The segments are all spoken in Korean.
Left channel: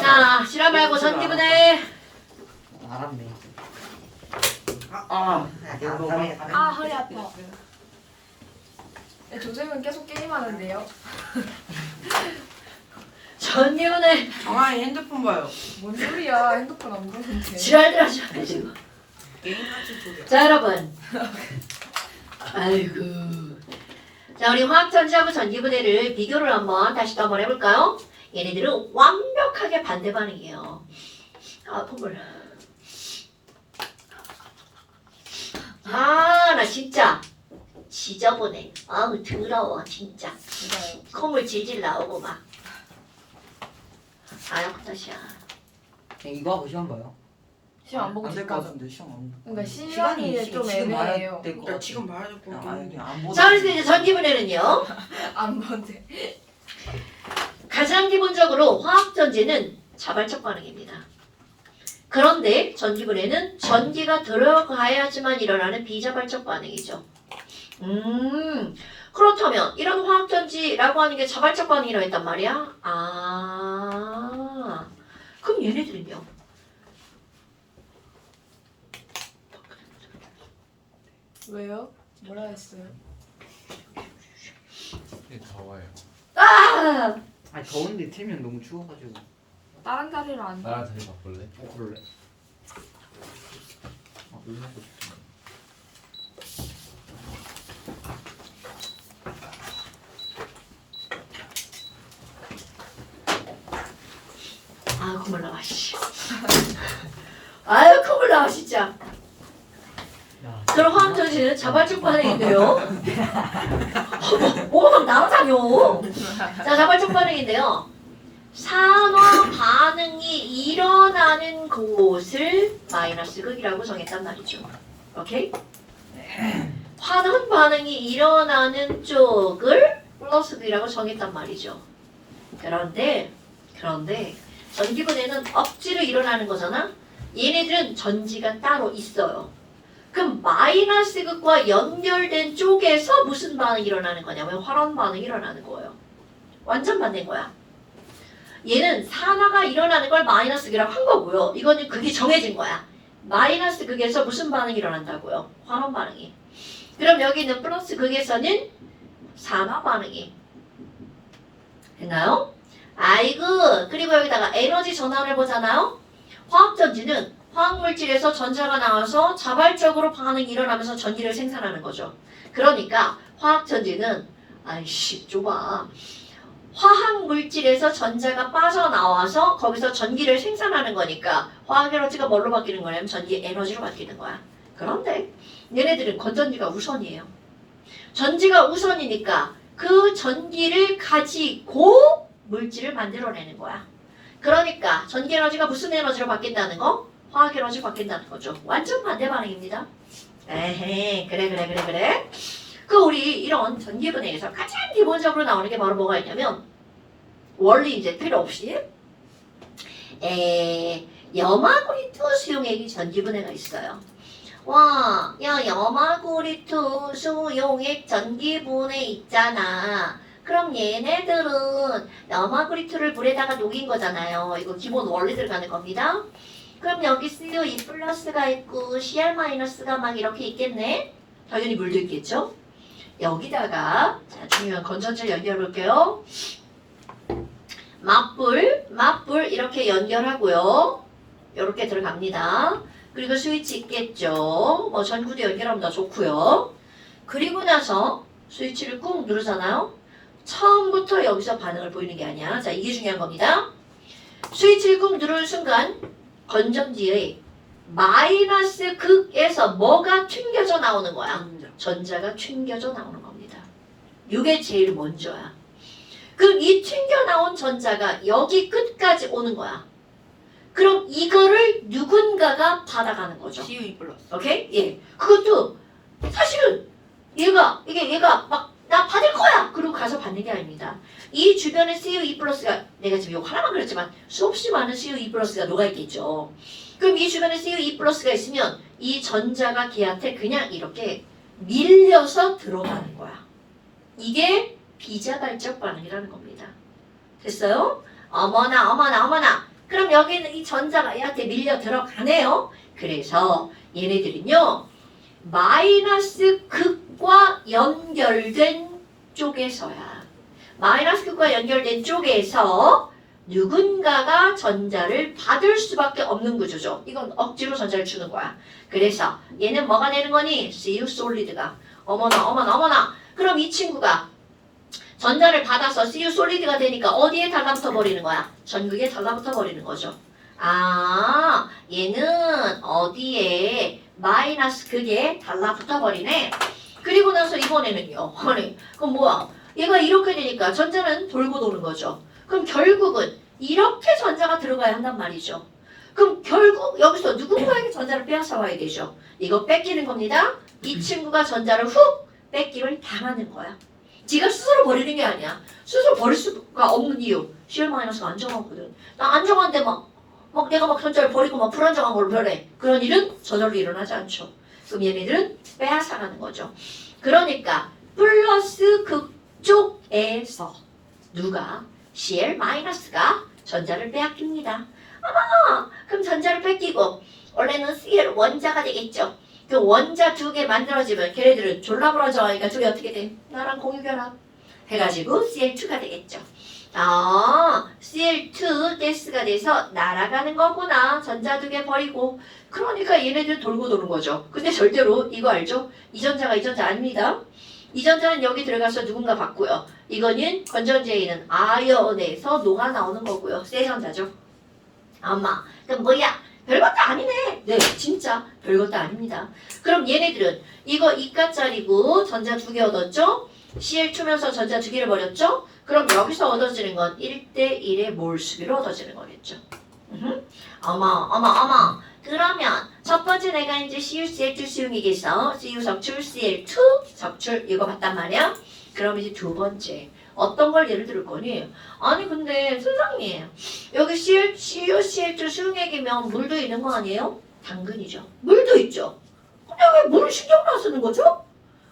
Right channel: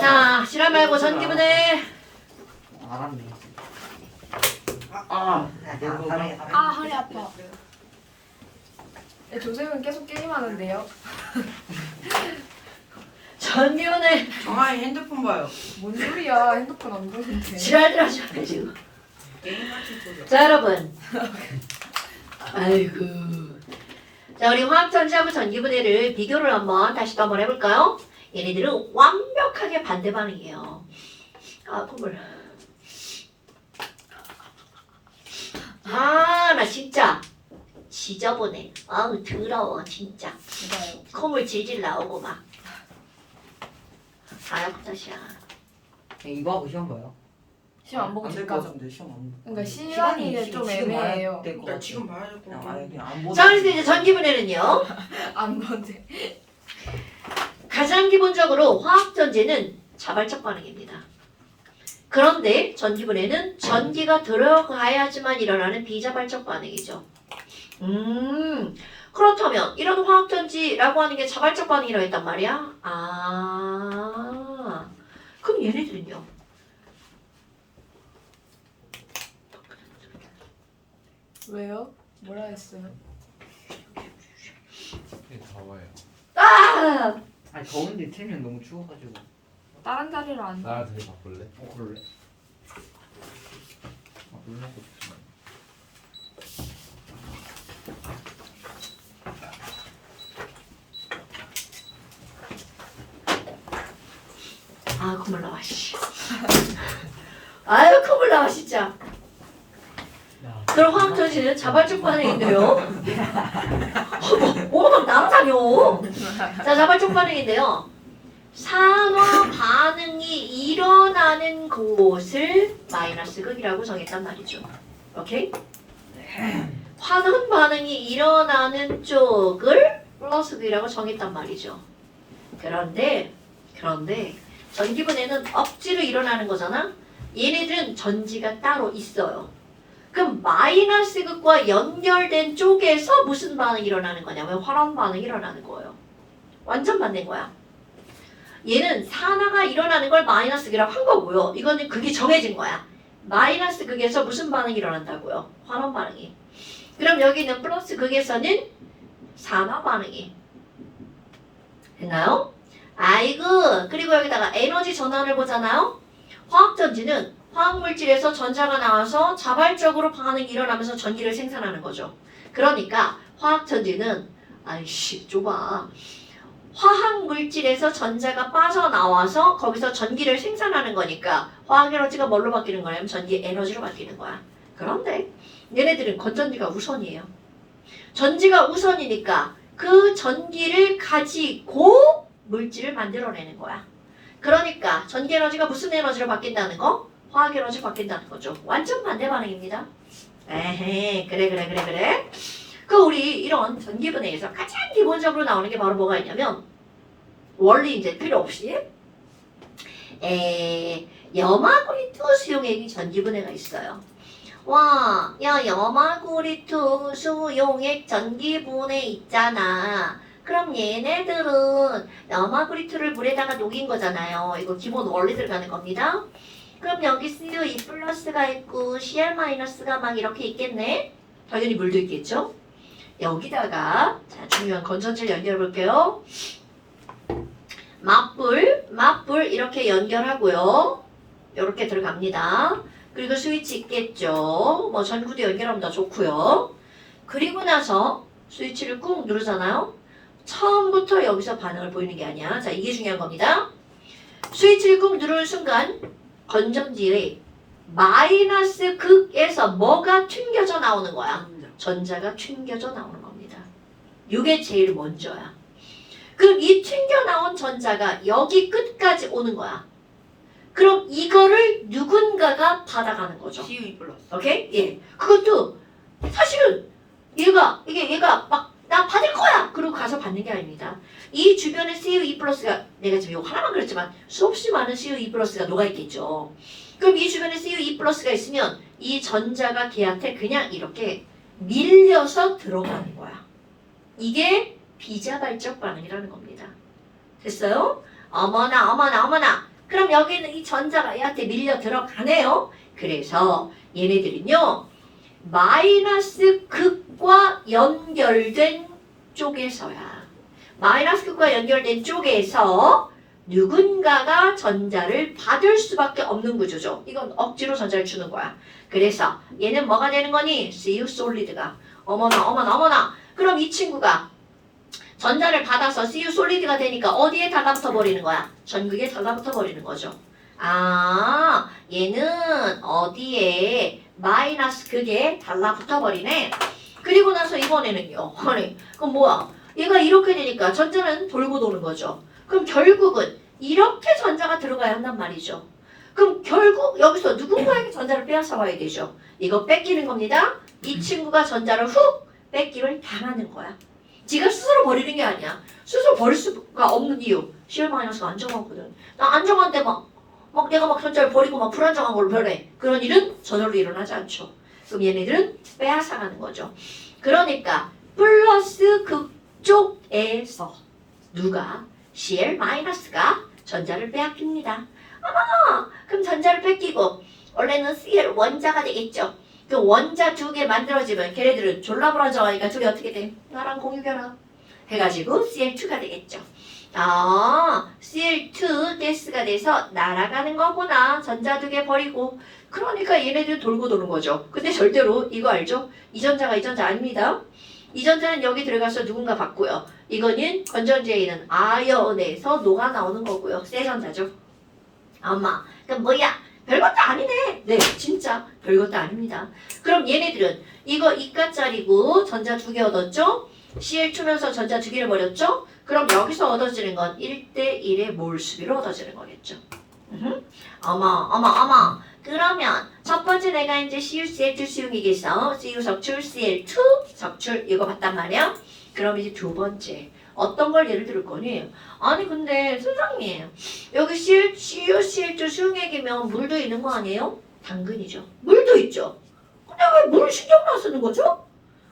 자, 실험 말고 전기분해. 알았네. 허리 아파. 네, 조셉은 계속 게임하는데요. 전기분해. 정아이 핸드폰 봐요. 뭔 소리야? 핸드폰 안 보는데. 지랄들 하지 마시고. 게임같이 보죠. 자, 여러분. 아이고. 자, 우리 화학전지하고 전기분해를 비교를 다시 또 한번 해볼까요? 얘네들은 완벽하게 반대 반응이에요. 아, 콧물. 아, 나 진짜 지저분해. 아우, 더러워, 진짜. 이거요. 콧물 질질 나오고 막. 아유, 다시야. 이거 하고 시험 봐요? 시험 안 보고 안될 집 것 가죠. 같은데 시험 안. 그러니까 시간이 좀 애매해요. 야 지금 봐야 될 것 같아. 안 보고. 자, 그래서 이제 전기분해는요. 안 보는데. 가장 기본적으로 화학전지는 자발적 반응입니다. 그런데 전기분해는 전기가 들어가야지만 일어나는 비자발적 반응이죠. 그렇다면 이런 화학전지라고 하는 게 자발적 반응이라고 했단 말이야? 아, 그럼 얘네들은요? 왜요? 뭐라 했어요? 더워요. 아! 아니 더운데 틀면 너무 추워가지고. 다른 자리로 안 돼. 나랑 자리 바꿀래? 그럴래? 물 먹고 싶어. 아, 콧물 나와, 씨. 아유, 콧물 나와, 진짜. 그럼 화학전지는 자발적 반응인데요. 뭐가 막 날아다녀. 자, 자발적 반응인데요. 산화 반응이 일어나는 곳을 마이너스 극이라고 정했단 말이죠. 오케이? 환원 반응이 일어나는 쪽을 플러스 극이라고 정했단 말이죠. 그런데 전기분해는 억지로 일어나는 거잖아. 얘네들은 전지가 따로 있어요. 그럼 마이너스 극과 연결된 쪽에서 무슨 반응이 일어나는 거냐면 환원 반응이 일어나는 거예요. 완전 반대인 거야. 얘는 산화가 일어나는 걸 마이너스 극이라고 한 거고요. 이거는 극이 정해진 거야. 마이너스 극에서 무슨 반응이 일어난다고요? 환원 반응이. 그럼 여기 있는 플러스 극에서는 산화 반응이. 됐나요? 아이고, 그리고 여기다가 에너지 전환을 보잖아요. 화학전지는 화학물질에서 전자가 나와서 자발적으로 반응이 일어나면서 전기를 생산하는 거죠. 그러니까 화학전지는 아이씨 좁아. 화학물질에서 전자가 빠져나와서 거기서 전기를 생산하는 거니까 화학에너지가 뭘로 바뀌는 거냐면 전기 에너지로 바뀌는 거야. 그런데 얘네들은 건전지가 우선이에요. 전지가 우선이니까 그 전기를 가지고 물질을 만들어내는 거야. 그러니까 전기 에너지가 무슨 에너지로 바뀐다는 거? 화학 에너지로 바뀐다는 거죠. 완전 반대 반응입니다. 에헤, 그래. 그 우리 이런 전기분해에서 가장 기본적으로 나오는 게 바로 뭐가 있냐면 원리 이제 필요 없이 염화구리트 수용액이 전기분해가 있어요. 와, 야 염화구리트 수용액 전기분해 있잖아. 그럼 얘네들은 염화구리트를 물에다가 녹인 거잖아요. 이거 기본 원리 들어가는 겁니다. 그럼 여기 CO2 플러스가 있고 CR-가 막 이렇게 있겠네. 당연히 물도 있겠죠. 여기다가 자, 중요한 건전지를 연결해 볼게요. 맞불 이렇게 연결하고요. 이렇게 들어갑니다. 그리고 스위치 있겠죠. 뭐 전구도 연결하면 더 좋고요. 그리고 나서 스위치를 꾹 누르잖아요. 처음부터 여기서 반응을 보이는 게 아니야. 자, 이게 중요한 겁니다. 스위치를 꾹 누르는 순간 건전지의 마이너스 극에서 뭐가 튕겨져 나오는 거야? 전자가 튕겨져 나오는 겁니다. 이게 제일 먼저야. 그럼 이 튕겨 나온 전자가 여기 끝까지 오는 거야. 그럼 이거를 누군가가 받아가는 거죠. CO2 플러스. 오케이? 예. 그것도 사실은 얘가 막 나 받을 거야! 그러고 가서 받는 게 아닙니다. 이 주변에 CO2 플러스가 내가 지금 이거 하나만 그랬지만 수없이 많은 CO2 플러스가 녹아있겠죠. 그럼 이 주변에 CO2 플러스가 있으면 이 전자가 걔한테 그냥 이렇게 밀려서 들어가는 거야. 이게 비자발적 반응이라는 겁니다. 됐어요? 어머나 어머나 어머나. 그럼 여기는 이 전자가 얘한테 밀려 들어가네요. 그래서 얘네들은요. 마이너스 극과 연결된 쪽에서야. 마이너스 극과 연결된 쪽에서 누군가가 전자를 받을 수밖에 없는 구조죠. 이건 억지로 전자를 주는 거야. 그래서 얘는 뭐가 되는 거니? CU 솔리드가. 어머나 어머나 어머나. 그럼 이 친구가 전자를 받아서 CU 솔리드가 되니까 어디에 달라붙어 버리는 거야? 전극에 달라붙어 버리는 거죠. 아, 얘는 어디에 마이너스 극에 달라붙어 버리네. 그리고 나서 이번에는요. 아니, 그럼 뭐야? 얘가 이렇게 되니까 전자는 돌고 도는 거죠. 그럼 결국은 이렇게 전자가 들어가야 한단 말이죠. 그럼 결국 여기서 누군가에게 전자를 빼앗아 와야 되죠. 이거 뺏기는 겁니다. 이 친구가 전자를 훅 뺏기를 당하는 거야. 지가 스스로 버리는 게 아니야. 스스로 버릴 수가 없는 이유. CL 마이너스가 안정하거든. 나 안정한데 막 내가 막 전자를 버리고 막 불안정한 걸로 변해. 그런 일은 저절로 일어나지 않죠. 그럼 얘네들은 빼앗아가는 거죠. 그러니까 플러스 극쪽에서 누가 CL 마이너스가 전자를 빼앗깁니다. 그럼 전자를 뺏기고 원래는 CL 원자가 되겠죠. 그 원자 두 개 만들어지면 걔네들은 졸라 불안정하니까 둘이 어떻게 돼? 나랑 공유결합 해가지고 CL2가 되겠죠. 아, CL2 가스가 돼서 날아가는 거구나. 전자 두 개 버리고. 그러니까 얘네들 돌고 도는 거죠. 근데 절대로 이거 알죠? 이 전자가 이 전자 아닙니다. 이 전자는 여기 들어가서 누군가 받고요. 이거는 건전지에 있는 아연에서 녹아 나오는 거고요. 세 전자죠. 엄마, 그럼 뭐야? 별것도 아니네. 네, 진짜 별것도 아닙니다. 그럼 얘네들은 이거 이가짜리고 전자 두 개 얻었죠? CL2면서 전자 두 개를 버렸죠? 그럼 여기서 얻어지는 건 1대1의 몰 수비로 얻어지는 거겠죠. 어머. 그러면 첫 번째 내가 이제 CuCl2 수용이겠어. Cu 석출, Cl2 석출 이거 봤단 말이야. 그럼 이제 두 번째 어떤 걸 예를 들을 거니? 아니 근데 선생님 여기 CuCl2 수용액이면 물도 있는 거 아니에요? 당근이죠. 물도 있죠. 근데 왜 물을 신경을 안 쓰는 거죠?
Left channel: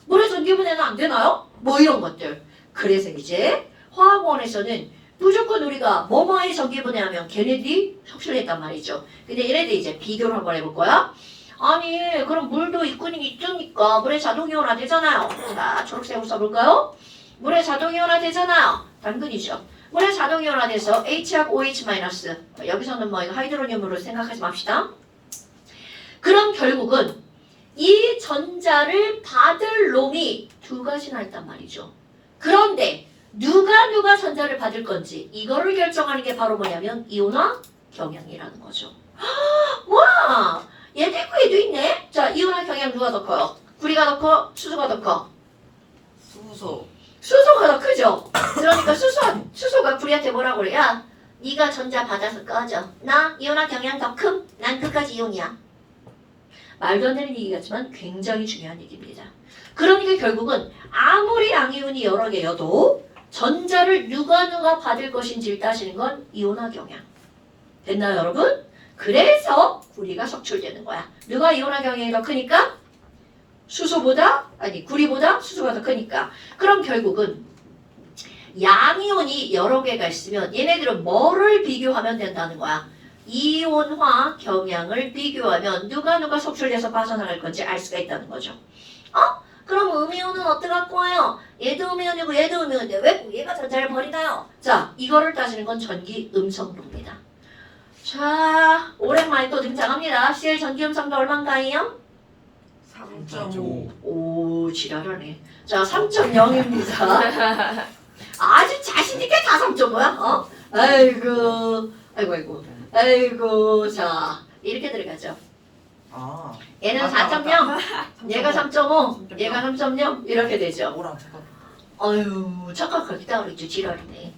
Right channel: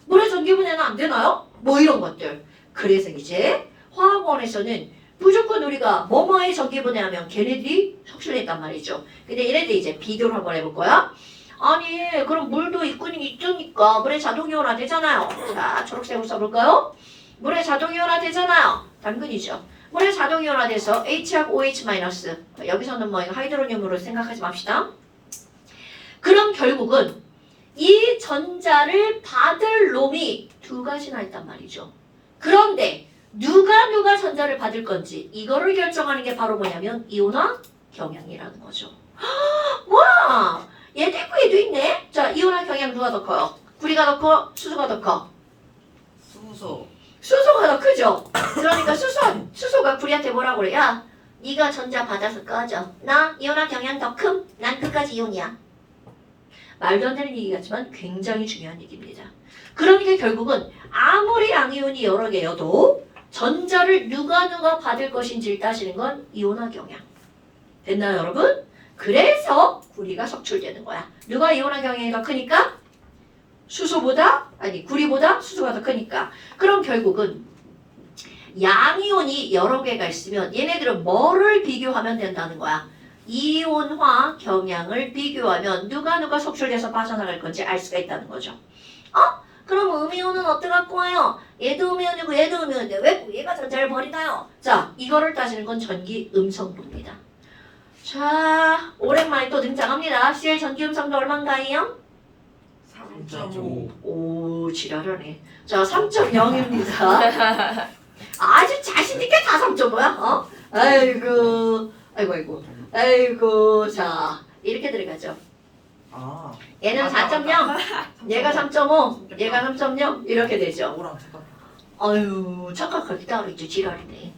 물의 전기분해는 안 되나요? 뭐 이런 것들. 그래서 이제 화학원에서는 무조건 우리가 뭐뭐의 전기분해하면 걔네들이 석출했단 말이죠. 근데 얘네들 이제 비교를 한번 해볼 거야. 아니 그럼 물도 있으니까 물에 자동이온화 되잖아요. 자 초록색으로 써볼까요? 물에 자동이온화 되잖아요. 당근이죠. 물에 자동이온화 돼서 H하고 OH 마이너스. 여기서는 뭐 하이드로늄으로 생각하지 맙시다. 그럼 결국은 이 전자를 받을 놈이 두 가지나 있단 말이죠. 그런데 누가 전자를 받을 건지 이거를 결정하는 게 바로 뭐냐면 이온화 경향이라는 거죠. 와, 얘도 있고 얘도 있네. 자, 이온화 경향 누가 더 커요? 구리가 더 커? 수소가 더 커? 수소. 수소가 더 크죠. 그러니까 수소가 구리한테 뭐라고 그래? 야, 네가 전자 받아서 꺼져. 나 이온화 경향 더 큼? 난 끝까지 이온이야. 말도 안 되는 얘기 같지만 굉장히 중요한 얘기입니다. 그러니까 결국은 아무리 양이온이 여러 개여도 전자를 누가 받을 것인지를 따지는 건 이온화 경향. 됐나요 여러분? 그래서 구리가 석출되는 거야. 누가 이온화 경향이 더 크니까? 구리보다 수소가 더 크니까. 그럼 결국은 양이온이 여러 개가 있으면 얘네들은 뭐를 비교하면 된다는 거야? 이온화 경향을 비교하면 누가 석출돼서 빠져나갈 건지 알 수가 있다는 거죠. 그럼 음이온은 어떡할 거예요? 얘도 음이온이고 얘도 음이온인데 왜 얘가 전자를 버리나요? 자, 이거를 따지는 건 전기 음성도입니다. 자, 오랜만에 또 등장합니다. CL 전기 음성도 얼마인가요? 3.5. 오, 지랄하네. 자, 3.0입니다. 아주 자신있게 다 3.5야? 어? 아이고. 자, 이렇게 들어가죠. 아, 얘는 4.0, 얘가 3.5, 얘가 3.0 이렇게 되죠. 오랑 잠깐. 아유, 착각하기다 그랬죠. 지랄이네.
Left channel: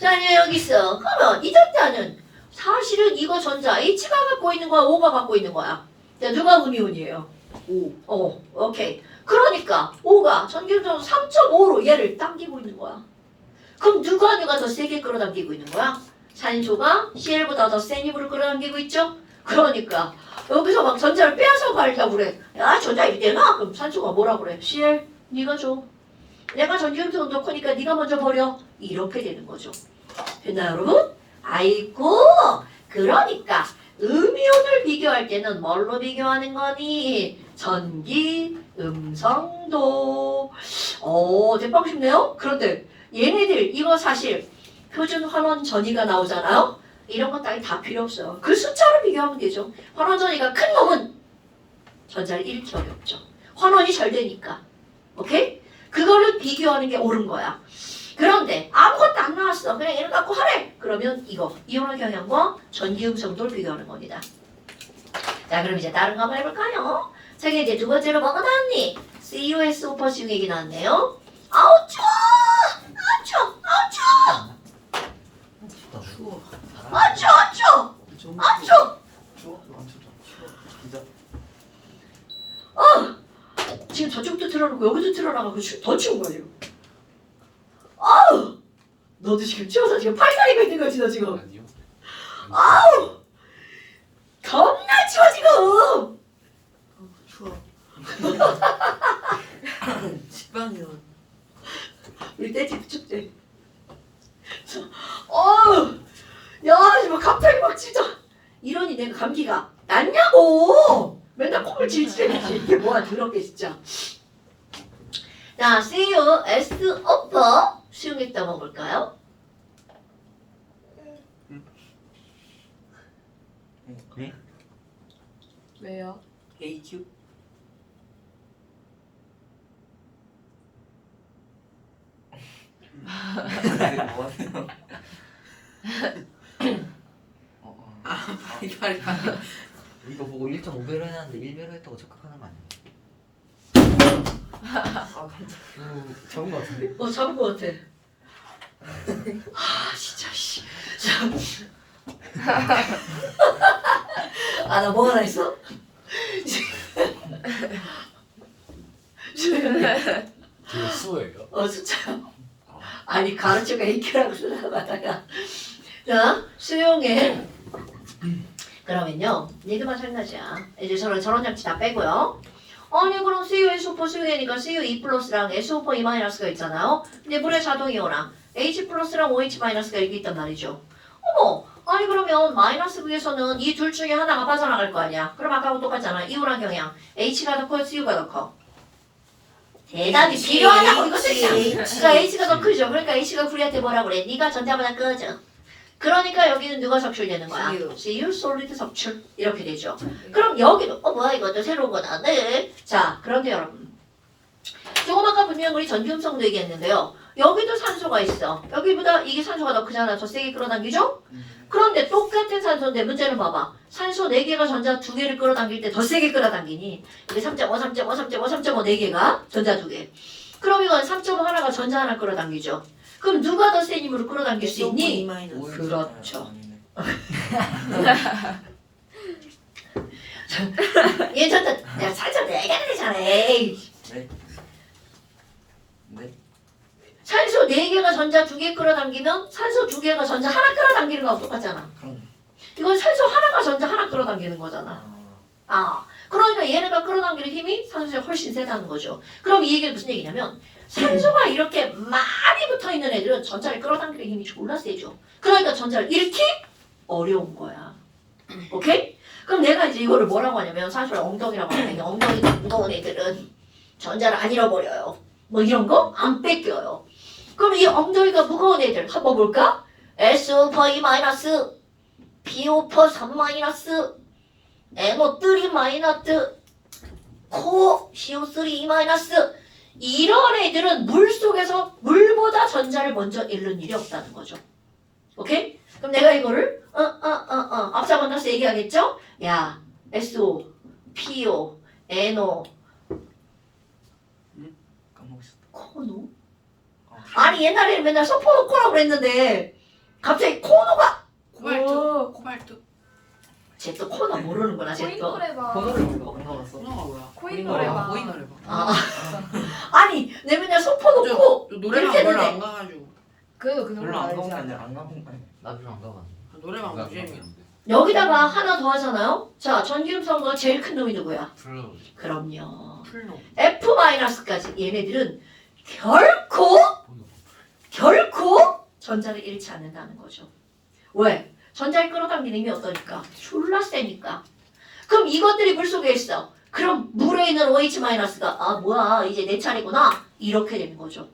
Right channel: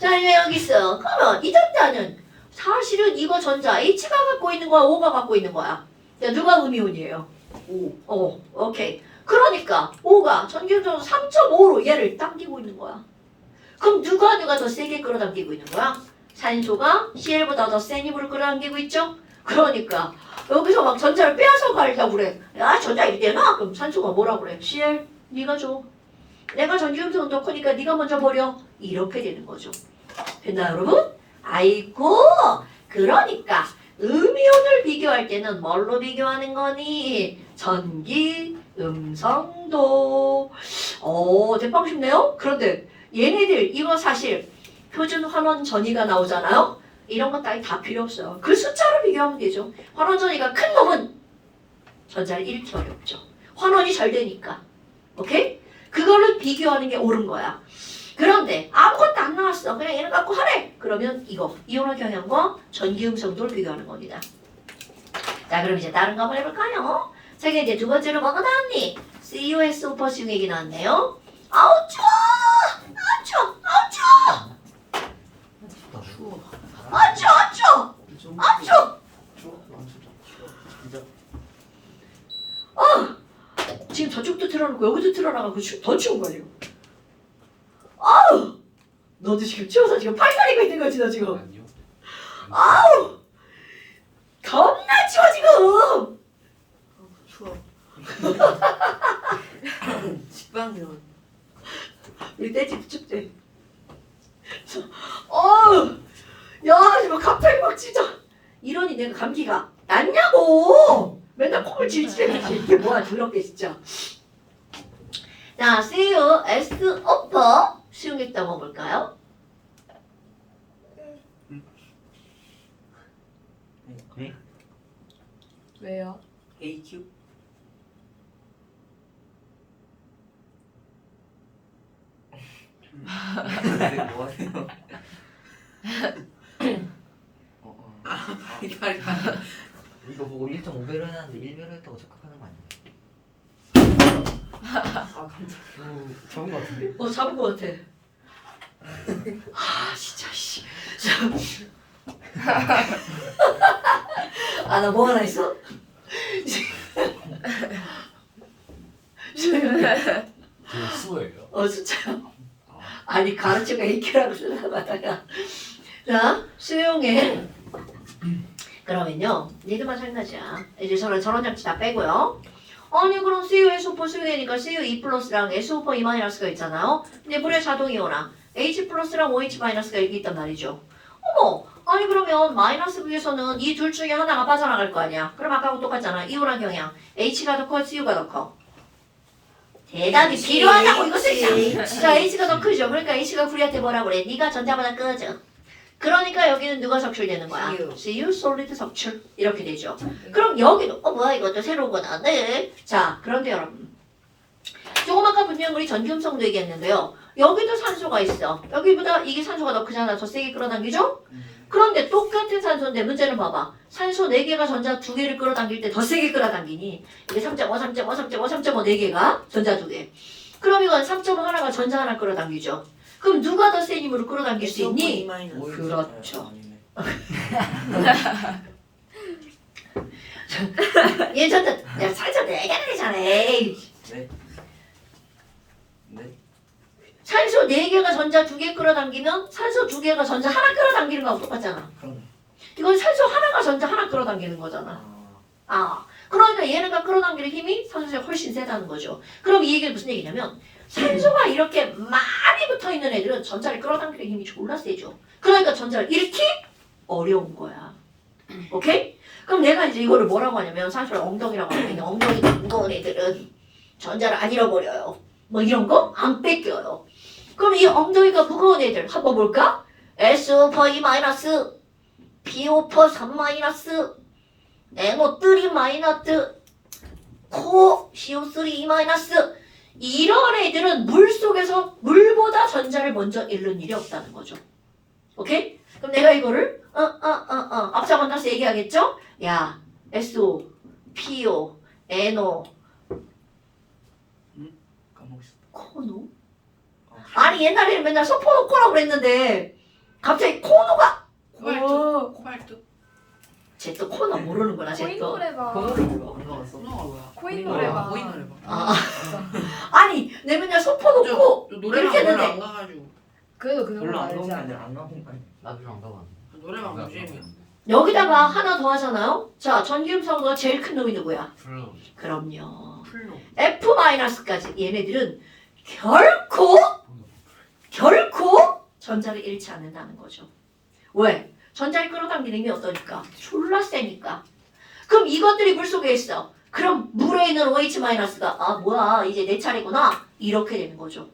자, 이제 여기 있어. 그러면 이 전자는 사실은 이거 전자 H가 갖고 있는 거야, O가 갖고 있는 거야? 자, 누가 음이온이에요? O. 오케이. 그러니까 O가 전기음성도 3.5로 얘를 당기고 있는 거야. 그럼 누가 더 세게 끌어당기고 있는 거야? 산소가 CL보다 더 센 힘으로 끌어당기고 있죠? 그러니까 여기서 막 전자를 빼앗아 가려고 그래. 야, 전자 이리 내놔? 그럼 산소가 뭐라 그래? CL, 네가 줘. 내가 전기음성은 더 크니까 네가 먼저 버려. 이렇게 되는 거죠. 됐나요, 여러분? 아이고, 그러니까 음이온을 비교할 때는 뭘로 비교하는 거니? 전기, 음성도. 대빵 쉽네요? 그런데 얘네들 이거 사실 표준 환원 전위가 나오잖아요? 이런 거 따위 다 필요 없어요. 그 숫자로 비교하면 되죠. 환원 전위가 큰 놈은 전자를 잃을 수밖에 없죠. 환원이 잘 되니까. 오케이? 그거를 비교하는 게 옳은 거야. 그런데 아무것도 안 나왔어. 그냥 얘를 갖고 하래. 그러면 이거 이온화 경향과 전기 음성도를 비교하는 겁니다. 자, 그럼 이제 다른 거 한번 해볼까요? 자기 이제 두 번째로 뭐가 나왔니? COSO 퍼시um 얘기 나왔네요. 아우 추워! 아우 추워! 아우 추워! 추워. 아우 추워! 아우 추워! 아우 추워! 지금 저쪽도 틀어놓고 여기도 틀어놔가고 더 추운 거야 지금. 아우! 너도 지금 추워서 지금 팔다리가 있는 거지 너 지금. 아니요. 아우! 겁나 추워 지금. 추워. 집안이요. 우리 떼집 춥대. 야, 뭐 갑자기 막 진짜 이러니 내가 감기가 낫냐고. 맨날 콩을 질질해야지 이게 뭐야 더럽게 진짜. 자, COS 오퍼 수용했다 먹을까요? 왜요? AQ? 뭐 하세요? 이거 아니야. 이거 보고 1.5배로 해놨는데 1배로 했다고 착각하는 거 아니에요? 아 깜짝이야. 적은 거 같은데? 잡은 거 같아. 진짜 씨. 나 뭐 하나 있어? 그 수예요. 진짜요? 아니 가르쳐가 AQ라고 생각하다가 자 수용해. 그러면요 니들만 장난이야. 이제 저런 장치 다 빼고요. 아니 그럼 CuSO4 수용이니까 Cu2 플러스랑 SO4 2 마이너스가 있잖아요. 근데 물의 자동이온랑 H 플러스랑 OH 마이너스가 여기 있단 말이죠. 어머 아니 그러면 마이너스 부에서는 이 둘 중에 하나가 빠져나갈 거 아니야. 그럼 아까하고 똑같잖아. 이온화 경향 H가 더 커 Cu가 더 커. 대답이 필요하다고 이것을 자 H가 더 크죠. 그러니까 H가 우리한테 뭐라 그래? 네가 전자보다 꺼져. 그러니까 여기는 누가 석출되는 거야? CU 솔리드 석출 이렇게 되죠. 그럼 여기도 뭐야 이것도 새로운 거다. 네. 자 그런데 여러분 조금 아까 분명 우리 전기음성도 얘기했는데요. 여기도 산소가 있어. 여기보다 이게 산소가 더 크잖아. 더 세게 끌어당기죠? 그런데 똑같은 산소인데 문제는 봐봐. 산소 4개가 전자 2개를 끌어당길 때 더 세게 끌어당기니 이게 3.5, 3.5, 3.5, 3.5 4개가 전자 2개. 그럼 이건 3.5 하나가 전자 하나 끌어당기죠. 그럼 누가 더 센 힘으로 끌어당길 수 있니? 그렇죠. 얘 전자 내가 살짝 4개나 되잖아. 네. 네. 산소 4개가 전자 2개 끌어당기면 산소 2개가 전자 하나 끌어당기는 거하고 똑같잖아. 이건 산소 하나가 전자 하나 끌어당기는 거잖아. 그러니까 얘네가 끌어당기는 힘이 산소에 훨씬 세다는 거죠. 그럼 이 얘기는 무슨 얘기냐면 산소가 이렇게 많이 붙어있는 애들은 전자를 끌어당기는 힘이 졸라 세죠. 그러니까 전자를 잃기 어려운 거야. 오케이? 그럼 내가 이제 이거를 뭐라고 하냐면 산소를 엉덩이라고 하면 엉덩이가 무거운 애들은 전자를 안 잃어버려요. 뭐 이런 거 안 뺏겨요. 그럼 이 엉덩이가 무거운 애들 한번 볼까? SO4 2 마이너스 PO4 3 마이너스 NO3 마이너스 코 CO3 2 마이너스 이런 애들은 물 속에서 물보다 전자를 먼저 잃는 일이 없다는 거죠. 오케이? 그럼 내가 이거를 앞서 만나서 얘기하겠죠? 야 SO, PO, NO 까먹었어. 코노? 아니 옛날에는 맨날 소포노코라고 그랬는데 갑자기 코노가 오. 코발트. 쟤 또 코너 모르는구나 쟤 코인 또. 노래방. 번호를 이거 안 가봤어? 코너가 뭐야? 코인 노래방. 노래방. 코인 노래방. 아니 내 맨날 소포노코 저 노래방 이렇게 별로 했는데. 안 가가지고. 그래도 그 별로 정도 안 알지 가본 게 않아? 아니라 안 가본 거 아니야? 나도 좀 안 가봤는데. 노래방 나도 무지개미. 가봤는데. 여기다가 하나 더 하잖아요. 자 전기음성과 제일 큰 놈이 누구야? 플로. 그럼요. 풀로. F-까지 얘네들은 결코 전자를 잃지 않는다는 거죠. 왜? 전자를 끌어당기는 힘이 어떠니까? 졸라 세니까. 그럼 이것들이 물속에 있어. 그럼 물에 있는 OH-가 아 뭐야 이제 내 차례구나 이렇게 되는 거죠.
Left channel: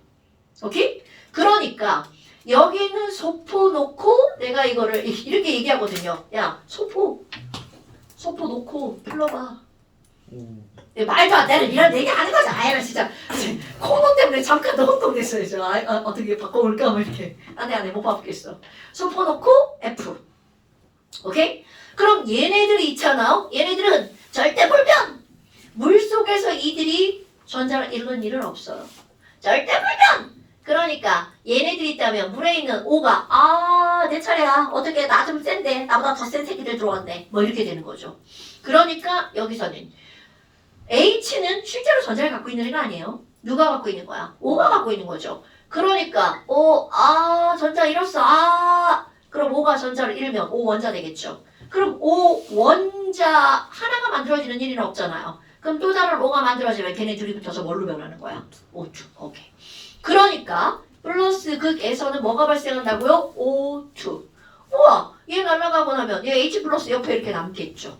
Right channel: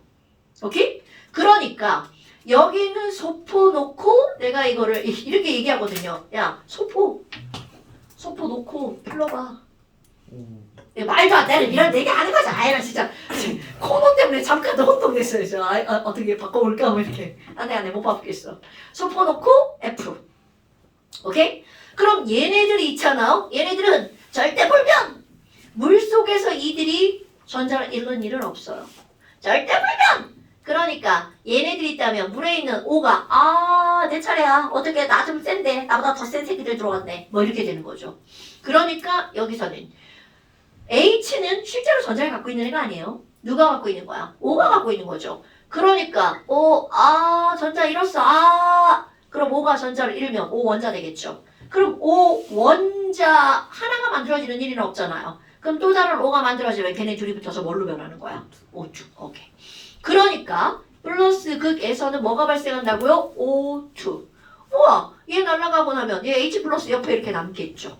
오케이? 그러니까 여기 있는 소포 놓고 내가 이거를 이렇게 얘기하거든요. 야 소포 놓고 풀러봐. 말도 안 되는 이런 얘기 하는 거지. 아이라 진짜 코너 때문에 잠깐 더 혼동됐어요. 저 어떻게 바꿔볼까 뭐 이렇게 안돼 못 바꾸겠어. 소포 놓고 F. 오케이? 그럼 얘네들이 있잖아. 얘네들은 절대 불변. 물 속에서 이들이 전자를 잃는 일은 없어요. 절대 불변. 그러니까 얘네들이 있다면 물에 있는 O가 내 차례야. 어떻게 나 좀 센데 나보다 더 센 새끼들 들어왔네. 뭐 이렇게 되는 거죠. 그러니까 여기서는 H는 실제로 전자를 갖고 있는 애가 아니에요. 누가 갖고 있는 거야? O가 갖고 있는 거죠. 그러니까 전자 잃었어. 그럼 O가 전자를 잃으면 O 원자 되겠죠. 그럼 O 원자 하나가 만들어지는 일은 없잖아요. 그럼 또 다른 O가 만들어지면 걔네 둘이 붙어서 뭘로 변하는 거야? O2. 오케이. 그러니까 플러스 극에서는 뭐가 발생한다고요? O2. 우와, 얘 날아가고 나면 얘 H 플러스 옆에 이렇게 남겠죠.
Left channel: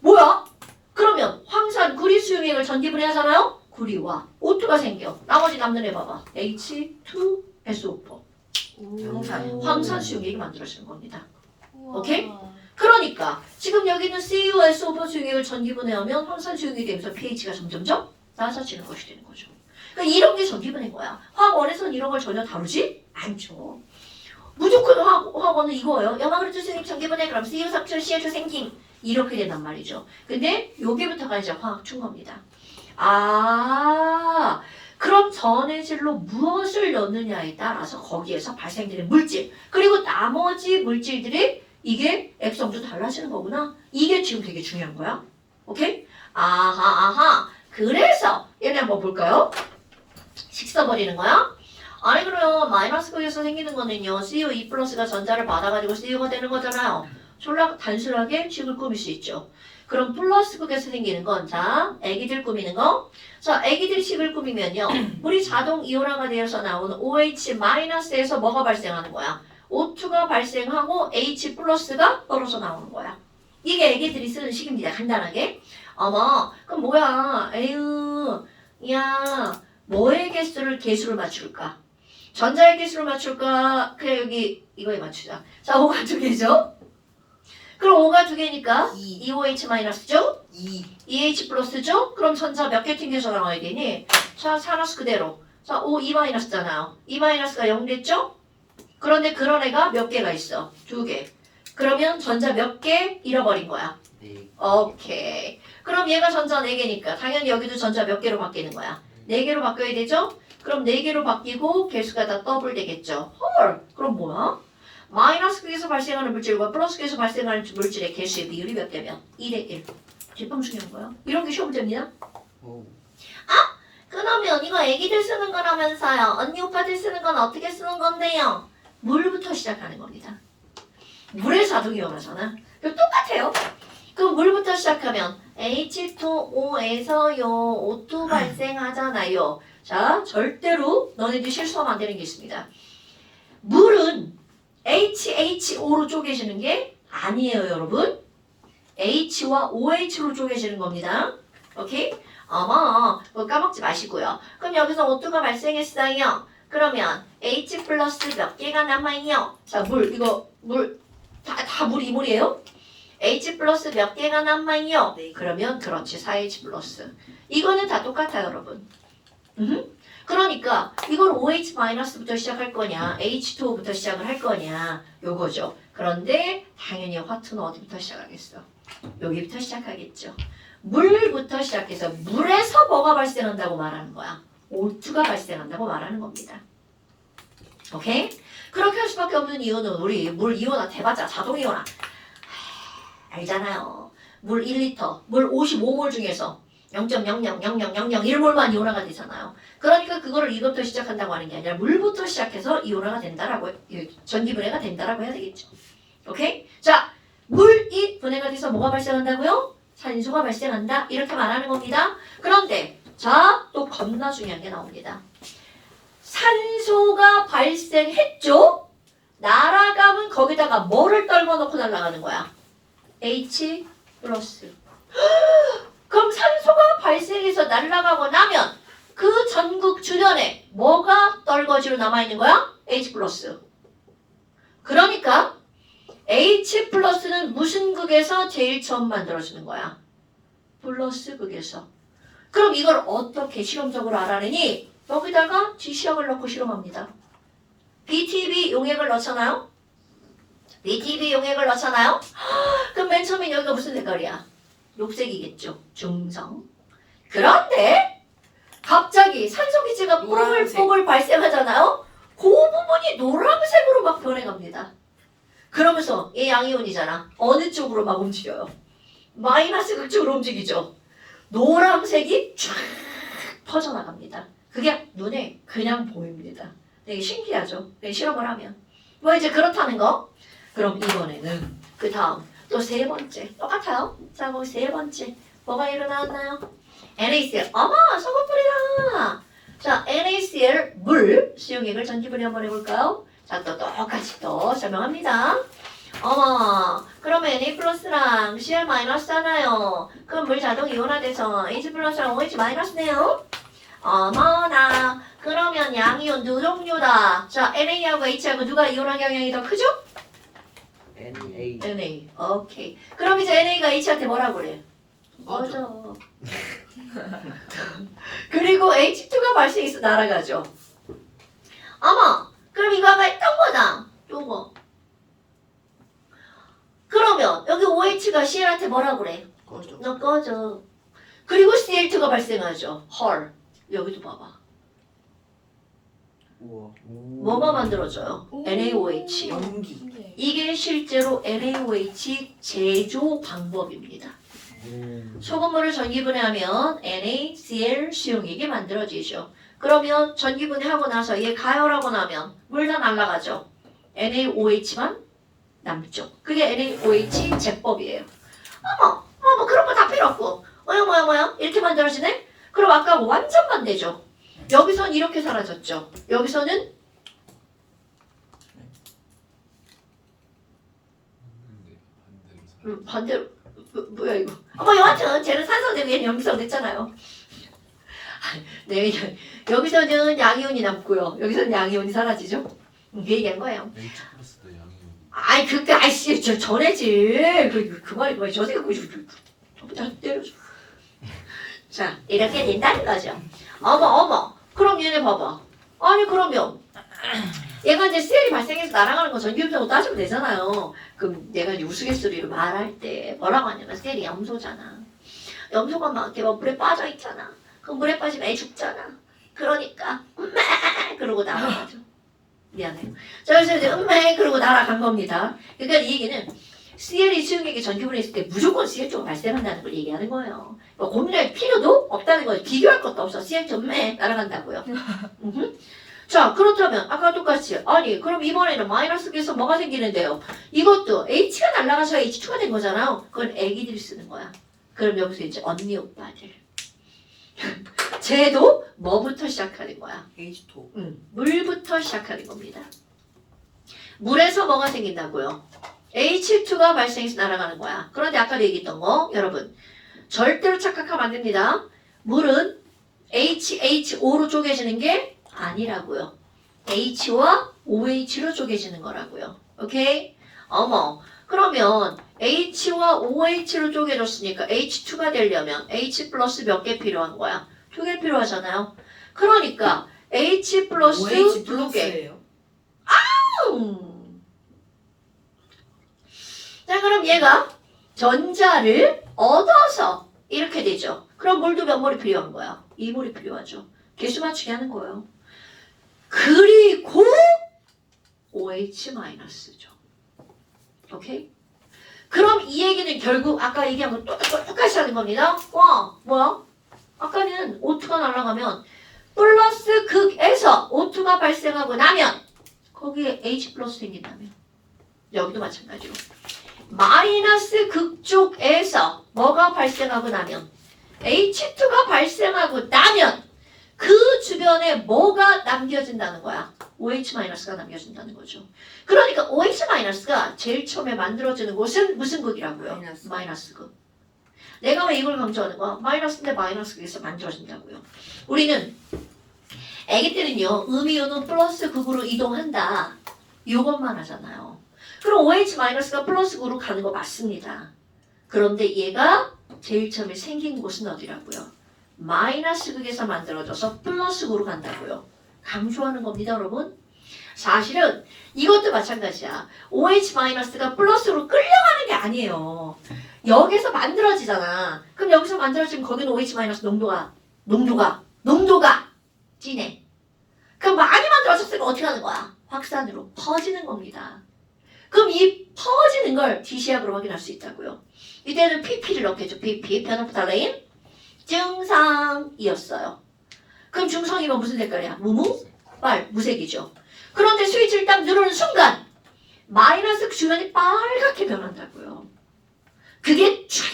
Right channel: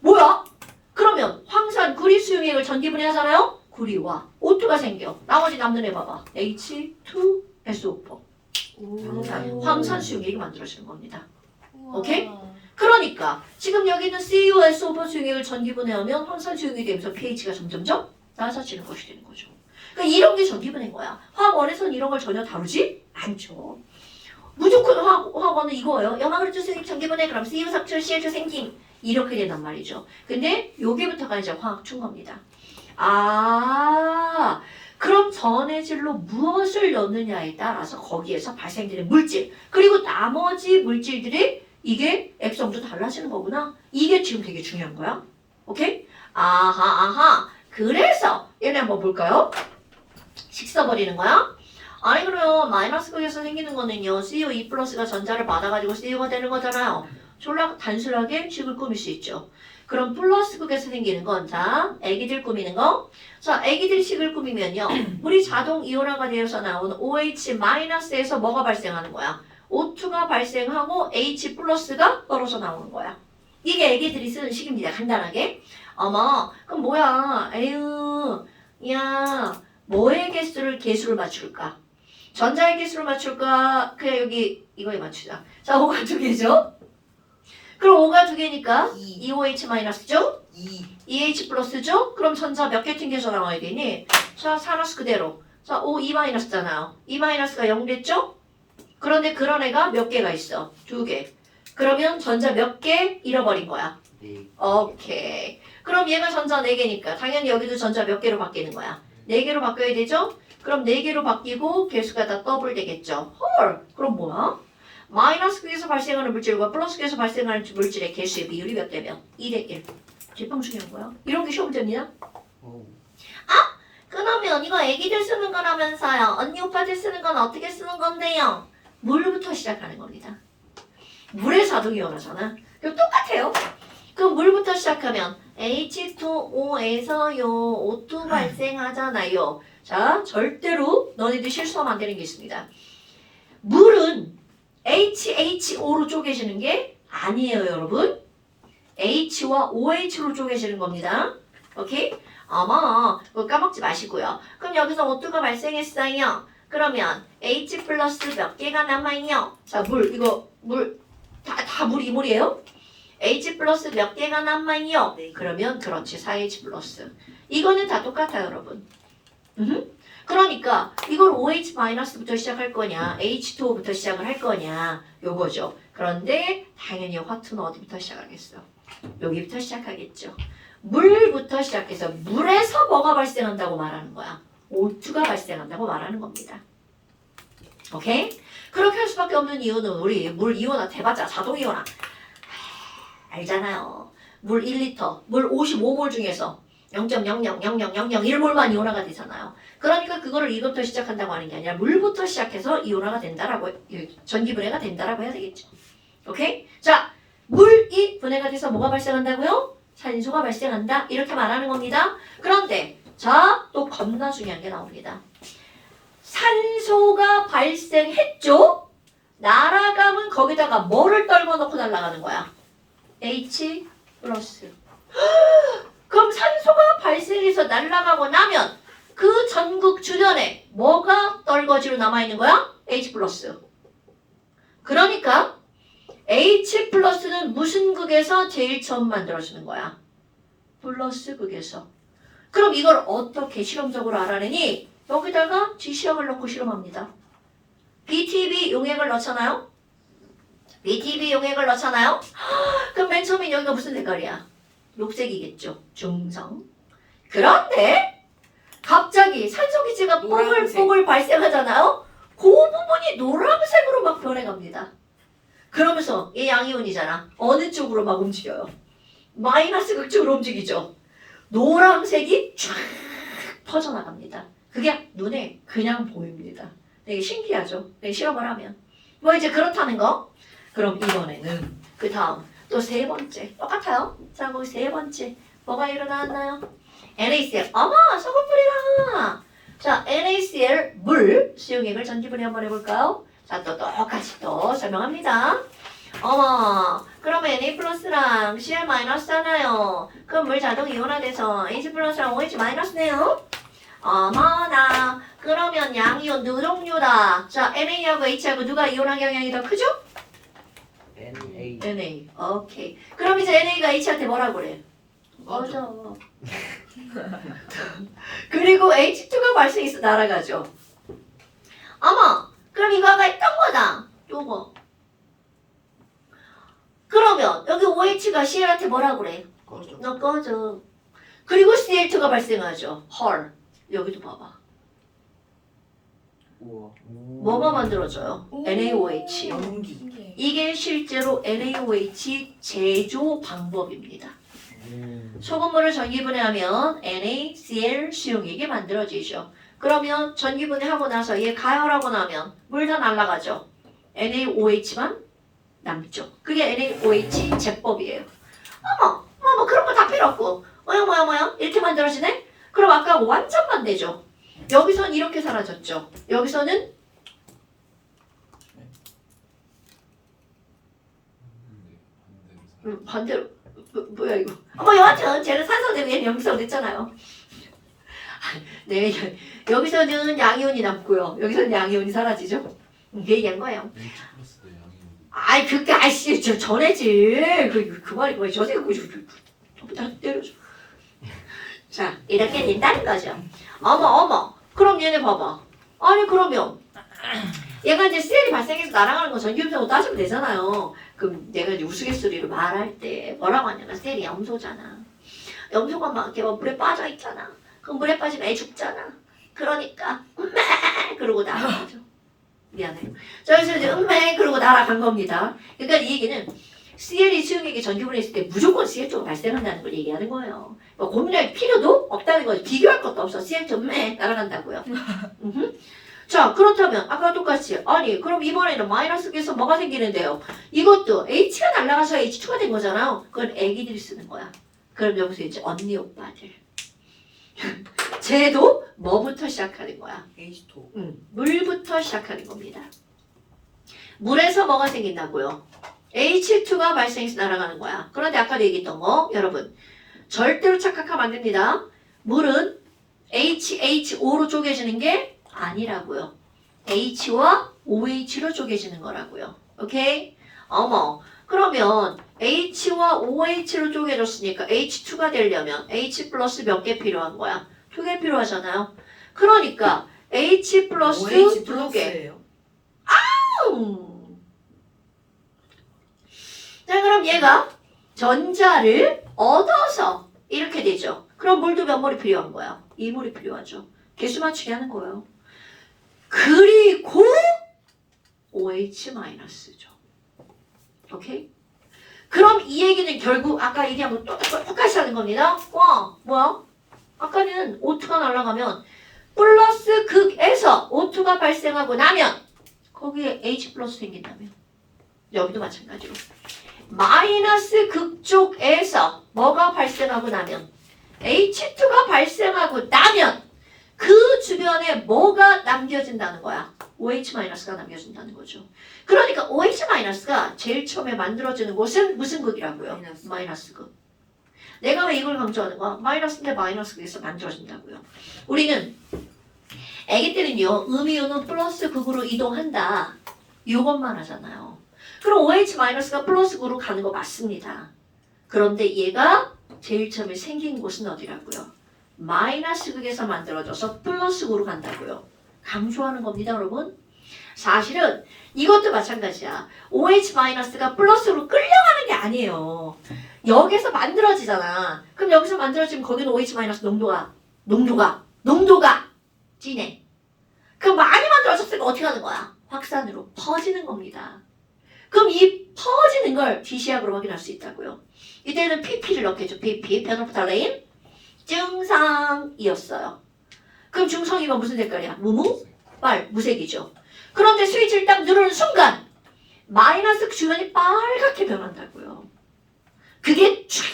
뭐야? 그러면 황산 구리 수용액을 전기분해하잖아요? 구리와 O2가 생겨. 나머지 남는 애 봐봐. H2SO4. 황산 수용액이 만들어지는 겁니다. 오케이? 그러니까 지금 여기는 CuSO4 수용액을 전기분해하면 황산 수용액이 되면서 pH가 점점점 낮아지는 것이 되는 거죠. 그러니까 이런 게 전기분해인 거야. 화학원에서는 이런 걸 전혀 다루지 않죠. 무조건 화학원은 이거예요. 염화그루트 수용액 전기분해 그럼 CU 삭출 CH 생김 이렇게 된단 말이죠. 근데 여기부터가 이제 화학춘 겁니다. 그럼 전해질로 무엇을 넣느냐에 따라서 거기에서 발생되는 물질 그리고 나머지 물질들이 이게 액성도 달라지는 거구나. 이게 지금 되게 중요한 거야. 오케이? 그래서 얘네 한번 볼까요? 식 써버리는 거야. 아니 그래요. 마이너스 극에서 생기는 거는요. CU2 플러스가 전자를 받아가지고 CU가 되는 거잖아요. 졸라 단순하게 식을 꾸밀 수 있죠. 그럼 플러스 극에서 생기는 건 자, 애기들 꾸미는 거. 자, 애기들 식을 꾸미면요. 물이 자동 이온화가 되어서 나오는 OH-에서 뭐가 발생하는 거야? O2가 발생하고 H 플러스가 떨어져 나오는 거야. 이게 애기들이 쓰는 식입니다. 간단하게. 어머, 그럼 뭐야? 에휴, 야, 뭐의 개수를 맞출까? 전자의 개수를 맞출까? 그래 여기 이거에 맞추자. 자, O가 2개죠? 그럼 O가 2개니까 2OH-죠? 2H 플러스죠? 그럼 전자 몇 개 튕겨서 나와야 되니? 자, 사라스 그대로. 자, O 2-잖아요. 2-가 0 됐죠? 그런데 그런 애가 몇 개가 있어? 2개. 그러면 전자 몇 개 잃어버린 거야? 네. 오케이. 그럼 얘가 전자 4개니까 당연히 여기도 전자 몇 개로 바뀌는 거야? 4개로 바뀌어야 되죠? 그럼 4개로 바뀌고 개수가 다 더블 되겠죠? 헐! 그럼 뭐야? 마이너스 극에서 발생하는 물질과 플러스 극에서 발생하는 물질의 개수의 비율이 몇 대면? 2대1. 제빵 중요한 거야? 이런 게 시험 됩니다. 그러면 이거 애기들 쓰는 거라면서요. 언니 오빠들 쓰는 건 어떻게 쓰는 건데요? 물부터 시작하는 겁니다. 물에 자동 이온하잖아. 똑같아요. 그럼 물부터 시작하면 H2O에서요 O2 발생하잖아요. 자, 절대로 너네들 실수하면 안 되는 게 있습니다. 물은 HHO로 쪼개지는 게 아니에요, 여러분. H와 OH로 쪼개지는 겁니다. 오케이? 어머, 그거 까먹지 마시고요. 그럼 여기서 O2가 발생했어요. 그러면 H 플러스 몇 개가 남아있냐? 자, 물, 다 물이에요? H 플러스 몇 개가 남아있냐? 네. 그러면 그렇지, 4H 플러스. 이거는 다 똑같아요, 여러분. 그러니까 이걸 OH-부터 시작할 거냐, H2O부터 시작을 할 거냐, 요거죠. 그런데 당연히 화투는 어디부터 시작하겠어? 여기부터 시작하겠죠. 물부터 시작해서 물에서 뭐가 발생한다고 말하는 거야? O2가 발생한다고 말하는 겁니다. 오케이? 그렇게 할 수밖에 없는 이유는 우리 물 이온화 대봤자 자동 이온화 알잖아요. 물 1리터, 물 55몰 중에서 0.0000001몰만 이온화가 되잖아요. 그러니까 그거를 이것부터 시작한다고 하는 게 아니라 물부터 시작해서 이온화가 된다라고 전기분해가 된다라고 해야 되겠죠. 오케이? 자, 물이 분해가 돼서 뭐가 발생한다고요? 산소가 발생한다. 이렇게 말하는 겁니다. 그런데 자, 또 겁나 중요한 게 나옵니다. 산소가 발생했죠? 날아가면 거기다가 뭐를 떨궈 놓고 날아가는 거야? H 플러스. 그럼 산소가 발생해서 날아가고 나면 그 전극 주변에 뭐가 떨궈지로 남아있는 거야? H 플러스. 그러니까 H 플러스는 무슨 극에서 제일 처음 만들어주는 거야? 플러스 극에서. 그럼 이걸 어떻게 실험적으로 알아내니? 여기다가 지시약을 넣고 실험합니다. BTB 용액을 넣잖아요? BTB 용액을 넣잖아요? 그럼 맨 처음에 여기가 무슨 색깔이야? 녹색이겠죠. 중성. 그런데 갑자기 산소기체가 노란색. 뽀글뽀글 발생하잖아요? 그 부분이 노란색으로 막 변해갑니다. 그러면서 얘 양이온이잖아. 어느 쪽으로 막 움직여요? 마이너스 극쪽으로 움직이죠. 노란색이 쫙 퍼져나갑니다. 그게 눈에 그냥 보입니다. 되게 신기하죠? 되게 실험을 하면. 뭐 이제 그렇다는 거? 그럼 이번에는 그 다음 또 세 번째 똑같아요. 자 거기 세 번째 뭐가 일어났나요? NaCl. 어머 소금뿌리다. 자 NaCl 물 수용액을 전기분해 한번 해볼까요? 자 또 똑같이 또 설명합니다. 어머 그러면 Na 플러스랑 Cl 마이너스잖아요. 그럼 물 자동 이온화돼서 H 플러스랑 OH 마이너스네요. 어머나 그러면 양이온 두 종류다. 자 NA하고 H하고 누가 이온화 경향이 더 크죠? NA. NA. 오케이. 그럼 이제 NA가 H한테 뭐라고 그래? 맞아. 그리고 H2가 발생해서 날아가죠. 어머, 그럼 이거 아까 했던 거다. 요거. 그러면 여기 OH가 Cl한테 뭐라고 그래? 꺼져. 너 꺼져. 그리고 Cl2가 발생하죠. 헐. 여기도 봐봐. 우와. 뭐가 만들어져요? NaOH. 연기. 신기해. 이게 실제로 NaOH 제조 방법입니다. 소금물을 전기분해하면 NaCl 수용액이 만들어지죠. 그러면 전기분해하고 나서 얘 가열하고 나면 물 다 날아가죠. NaOH만 남죠. 그게 NaOH 제법이에요. 어머 그런 거 다 필요 없고 뭐야 이렇게 만들어지네? 그럼 아까 완전 반대죠. 여기선 이렇게 사라졌죠. 여기서는 반대로 뭐야 이거? 여하튼 쟤는 산소 대비에 염기성 됐잖아요. 네, 여기서는 양이온이 남고요. 여기서는 양이온이 사라지죠. 그 얘기한 거예요. H 플러스도 양이. 아이 그때 아이씨 저 전에지 그 말이 뭐야 저새가 저보다 때려줘. 자 이렇게 된다는 거죠. 어머 그럼 얘네 봐봐. 아니 그러면 얘가 이제 셀이 발생해서 날아가는 거 전기음성으로 따지면 되잖아요. 그럼 내가 이제 우스갯소리로 말할 때 뭐라고 하냐면 셀이 염소잖아. 염소가 막 이렇게 막 물에 빠져 있잖아. 그럼 물에 빠지면 애 죽잖아. 그러니까 그러고 날아가죠. 미안해요. 자 그래서 이제 그러고 날아간 겁니다. 그러니까 이 얘기는 CL이 수용액이 전기분해했을 때 무조건 CL2가 발생한다는 걸 얘기하는 거예요. 뭐 고민할 필요도 없다는 거예요. 비교할 것도 없어. CL2 날아간다고요. 자 그렇다면 아까 똑같이 아니 그럼 이번에는 마이너스에서 뭐가 생기는데요? 이것도 H가 날아가서 H2가 된 거잖아요. 그건 애기들이 쓰는 거야. 그럼 여기서 이제 언니 오빠들 쟤도 뭐부터 시작하는 거야? H2. 물부터 시작하는 겁니다. 물에서 뭐가 생긴다고요? H2가 발생해서 날아가는 거야. 그런데 아까도 얘기했던 거 여러분 절대로 착각하면 안 됩니다. 물은 HO로 쪼개지는 게 아니라고요. H와 OH로 쪼개지는 거라고요. 오케이? 어머 그러면 H와 OH로 쪼개졌으니까 H2가 되려면 H 플러스 몇 개 필요한 거야? 2개 필요하잖아요. 그러니까 H 플러스 OH 2개. 플러스예요. 자 그럼 얘가 전자를 얻어서 이렇게 되죠. 그럼 물도 몇 몰이 필요한 거야? 2몰이 필요하죠. 개수 맞추기 하는 거예요. 그리고 OH-죠. 오케이? 그럼 이 얘기는 결국 아까 얘기한 거 똑같이 하는 겁니다. 와, 뭐야? 아까는 O2가 날아가면 플러스 극에서 O2가 발생하고 나면 거기에 H 플러스 생긴다면 여기도 마찬가지로 마이너스 극 쪽에서 뭐가 발생하고 나면 H2가 발생하고 나면 그 주변에 뭐가 남겨진다는 거야? OH-가 남겨진다는 거죠. 그러니까 OH-가 제일 처음에 만들어지는 곳은 무슨 극이라고요? 마이너스. 마이너스 극. 내가 왜 이걸 강조하는 거야? 마이너스인데 마이너스 극에서 만들어진다고요. 우리는 애기 때는요. 음이온은 플러스 극으로 이동한다. 이것만 하잖아요. 그럼 OH-가 플러스 극으로 가는 거 맞습니다. 그런데 얘가 제일 처음에 생긴 곳은 어디라고요? 마이너스 극에서 만들어져서 플러스 극으로 간다고요. 강조하는 겁니다, 여러분. 사실은 이것도 마찬가지야. OH-가 플러스로 끌려가는 게 아니에요. 여기서 만들어지잖아. 그럼 여기서 만들어지면 거기는 OH- 농도가 진해. 그럼 많이 만들어졌으면 어떻게 하는 거야? 확산으로 퍼지는 겁니다. 그럼 이 퍼지는 걸 지시약으로 확인할 수 있다고요. 이때는 PP를 넣겠죠. PP, 페노프탈레인 증상이었어요. 그럼 증상이면 무슨 색깔이야? 무색이죠. 그런데 스위치를 딱 누르는 순간 마이너스 주변이 빨갛게 변한다고요. 그게 쫙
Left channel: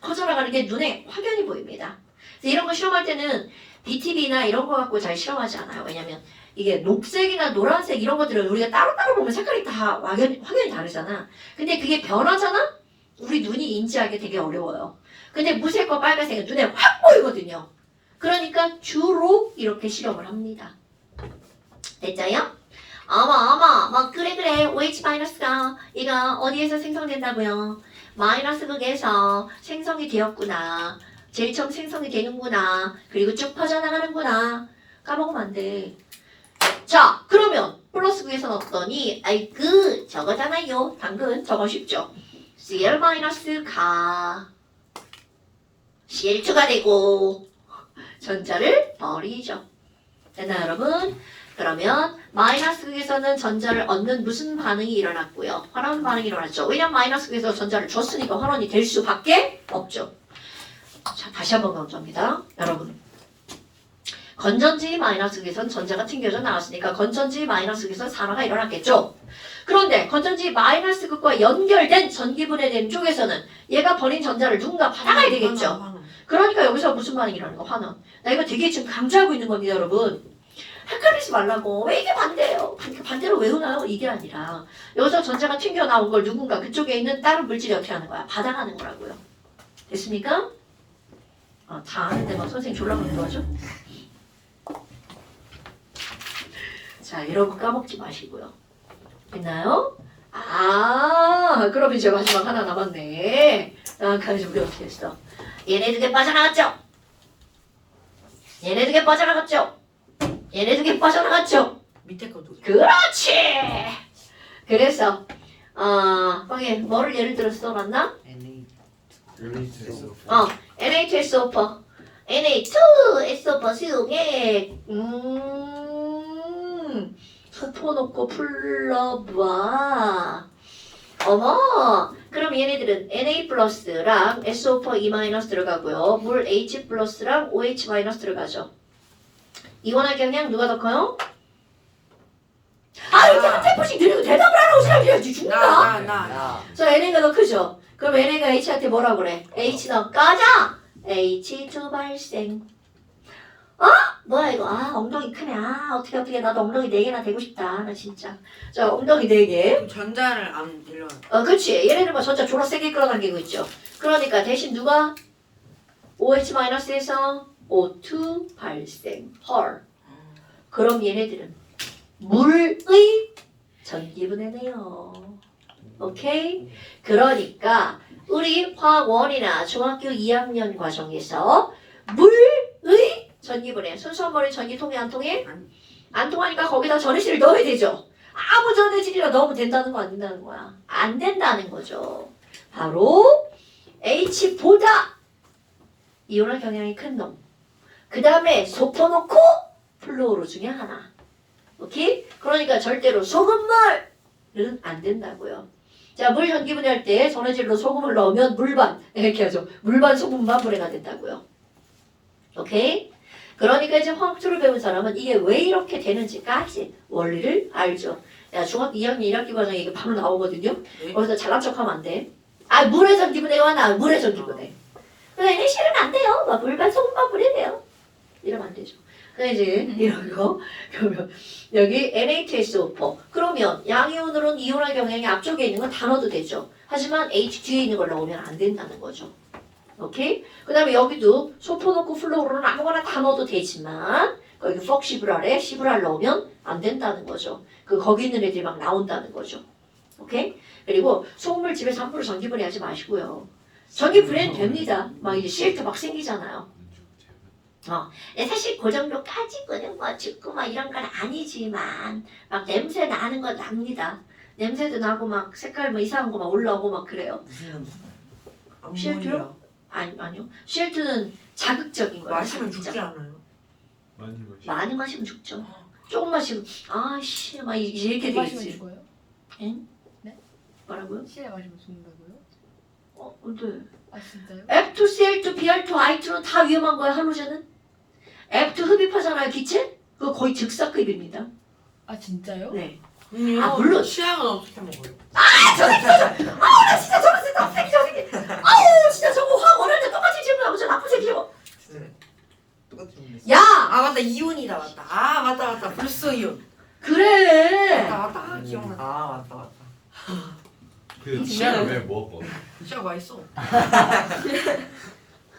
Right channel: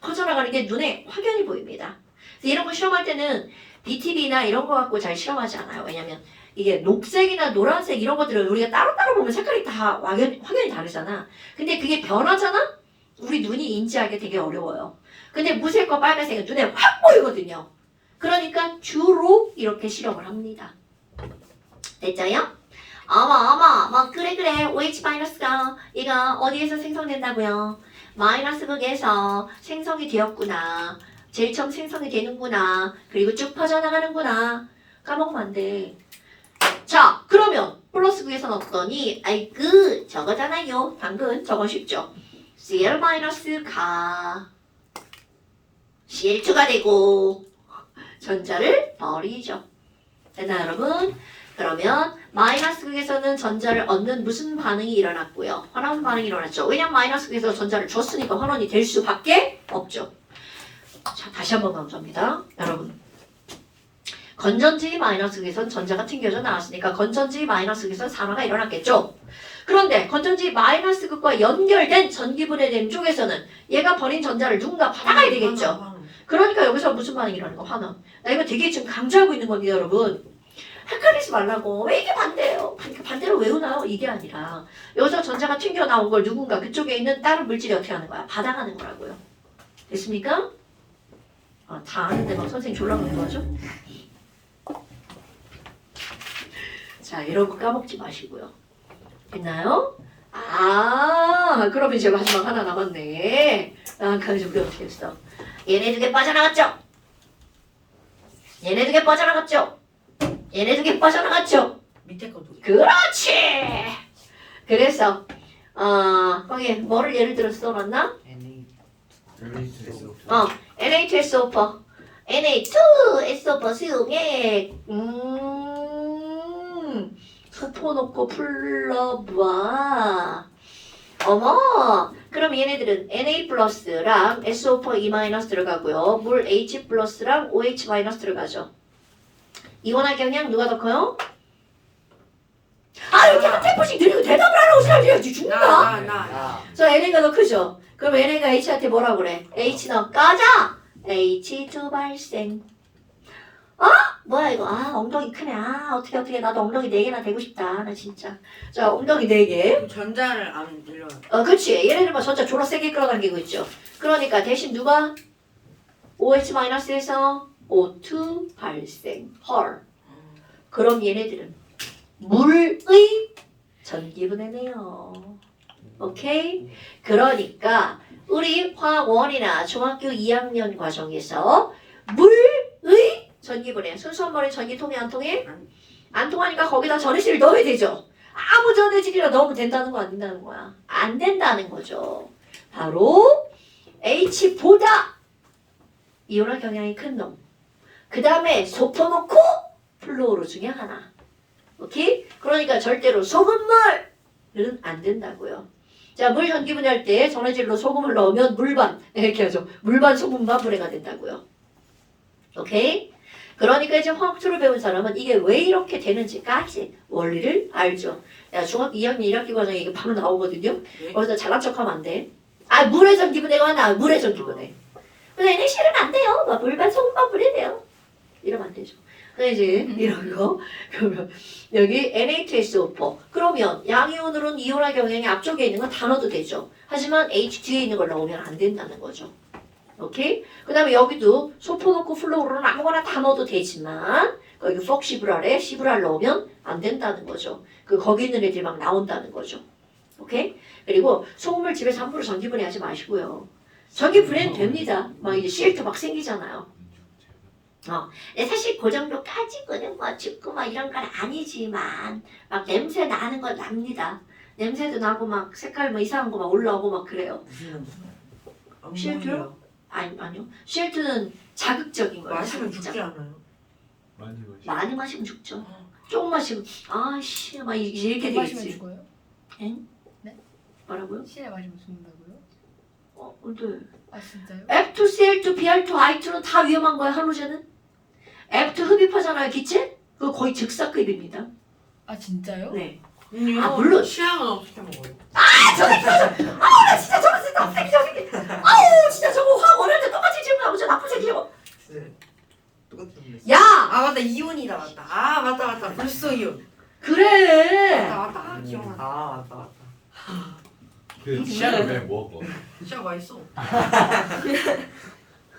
퍼져나가는 게 눈에 확연히 보입니다. 그래서 이런 거 실험할 때는 BTB나 이런 거 갖고 잘 실험하지 않아요. 왜냐면 이게 녹색이나 노란색 이런 것들은 우리가 따로따로 보면 색깔이 다 확연히 다르잖아. 근데 그게 변하잖아? 우리 눈이 인지하기 되게 어려워요. 근데 무색과 빨간색은 눈에 확 보이거든요. 그러니까 주로 이렇게 실험을 합니다. 됐죠요? 어머, 그래. OH-가 얘가 어디에서 생성된다고요? 마이너스 극에서 생성이 되었구나. 제일 처음 생성이 되는구나. 그리고 쭉 퍼져나가는구나. 까먹으면 안 돼. 자, 그러면 플러스 극에서 넣었더니 저거잖아요. 당근 저거 쉽죠? Cl-가 Cl2가 되고 전자를 버리죠. 됐나요, 여러분? 그러면 마이너스 극에서는 전자를 얻는 무슨 반응이 일어났고요? 환원 반응이 일어났죠. 왜냐면 마이너스 극에서 전자를 줬으니까 환원이 될 수밖에 없죠. 자, 다시 한번 강조합니다. 여러분. 건전지 마이너스 극에서는 전자가 튕겨져 나왔으니까 건전지 마이너스 극에서는 산화가 일어났겠죠. 그런데 건전지 마이너스 극과 연결된 전기분해된 쪽에서는 얘가 버린 전자를 누군가 받아가야 되겠죠. 그러니까 여기서 무슨 반응이 일어나는 거? 환원. 나 이거 되게 지금 강조하고 있는 겁니다, 여러분. 헷갈리지 말라고. 왜 이게 반대예요? 그렇게 반대로 외우나요? 이게 아니라 여기서 전자가 튕겨나온 걸 누군가 그쪽에 있는 다른 물질이 어떻게 하는 거야? 받아가는 거라고요. 됐습니까? 다 아는데 막 선생님 졸라 그러는 거죠? 자, 이런 거 까먹지 마시고요. 있나요? 그럼 이제 마지막 하나 남았네. 그래서 우리 어떻게 했어? 얘네 두 개 빠져나갔죠? 얘네 두 개 빠져나갔죠? 밑에 것도. 그렇지! 그래서 거기 뭐를 예를 들어서 써놨나? Na2SO4 Na2SO4 수용액 소포 놓고 풀러봐. 어머, 그럼 얘네들은 Na 플러스랑 SO4 E- 들어가고요. 물 H 플러스랑 OH- 들어가죠. 이원화 경량 누가 더 커요? 이렇게 한 템포씩 느리고 대답을 하라고 시작해야지 죽는다. 나. 저 NA가 더 크죠? 그럼 NA가 H한테 뭐라 그래? H 너 꺼져! H2 발생. 뭐야 이거? 엉덩이 크네. 어떻게 나도 엉덩이 4개나 되고 싶다. 나 진짜. 자, 엉덩이 4개. 전자를 안 일러. 그렇지. 얘네들 뭐 전자 졸라 세게 끌어당기고 있죠. 그러니까 대신 누가 OH-에서 O2 발생. 헐. 그럼 얘네들은 물의 전기분해네요. 오케이? 그러니까 우리 화원이나 중학교 2학년 과정에서 물의 전기분해. 순수한 머리 전기 통해 안 통해? 안 통하니까 거기다 전해질을 넣어야 되죠. 아무 전해질이라 넣으면 된다는 거 안 된다는 거야? 안 된다는 거죠. 바로 H보다 이온화 경향이 큰 놈. 그 다음에 소포놓고 플로로 중에 하나. 오케이? 그러니까 절대로 소금물은 안 된다고요. 자, 물 전기분해할 때 전해질로 소금을 넣으면 물반 이렇게 하죠. 물반 소금반 분해가 된다고요. 오케이? 그러니까 이제 화학투를 배운 사람은 이게 왜 이렇게 되는지까지 원리를 알죠. 야, 중학교 2학년 1학기 과정에 이게 바로 나오거든요. 거기서 잘난 척하면 안 돼. 물의 전기분해가 하나, 물의 전기분해. 근데 실은 안 돼요. 물반 소금반 분해돼요. 이러면 안 되죠. 알지? 이런 거. 그러면 여기 Na2SO4. 그러면 양이온으로는 이온화 경향이 앞쪽에 있는 건 다 넣어도 되죠. 하지만 H 뒤에 있는 걸 넣으면 안 된다는 거죠. 오케이? 그 다음에 여기도 소포 넣고 플로로는 아무거나 다 넣어도 되지만 거기 폭시브랄에 시브랄 넣으면 안 된다는 거죠. 거기 있는 애들이 막 나온다는 거죠. 오케이? 그리고 소금을 집에서 함부로 전기분해하지 마시고요. 전기분해는 됩니다. 막 이제 CL2 막 생기잖아요. 사실 그 정도까지는 뭐 죽고 막 이런 건 아니지만 막 냄새 나는 건 납니다. 냄새도 나고 막 색깔 뭐 이상한 거 막 올라오고 막 그래요. 무슨 CL2요? 아니요. CL2는 자극적인 거예요. 마시면 자극적. 죽지 않아요? 많이 마시면 죽죠. 조금 마시면 아씨 막 이렇게 물 마시면 되겠지. 죽어요? 뭐라고요? 실내 마시면 죽는다고요? 근데 아 진짜요? F2, CL2, Br2, I2는 다 위험한 거예요. 할로젠은. F2 흡입하잖아요. 기체? 그거 거의 즉사급입니다. 아 진짜요? 네. 아 물론. 치약은 어떻게 먹어요? 나 진짜 저거 진짜 나쁜 새끼. 아우 진짜 저거 화학 원할 때 똑같이 질문 하고 저 나쁜 새끼 저거. 네. 똑같은 야 아 맞다 이온이다 맞다. 아 맞다 불소 이온. 그래. 맞다 아, 기억나. 아 맞다. 그 치약을 왜 먹어? 치약 맛있어.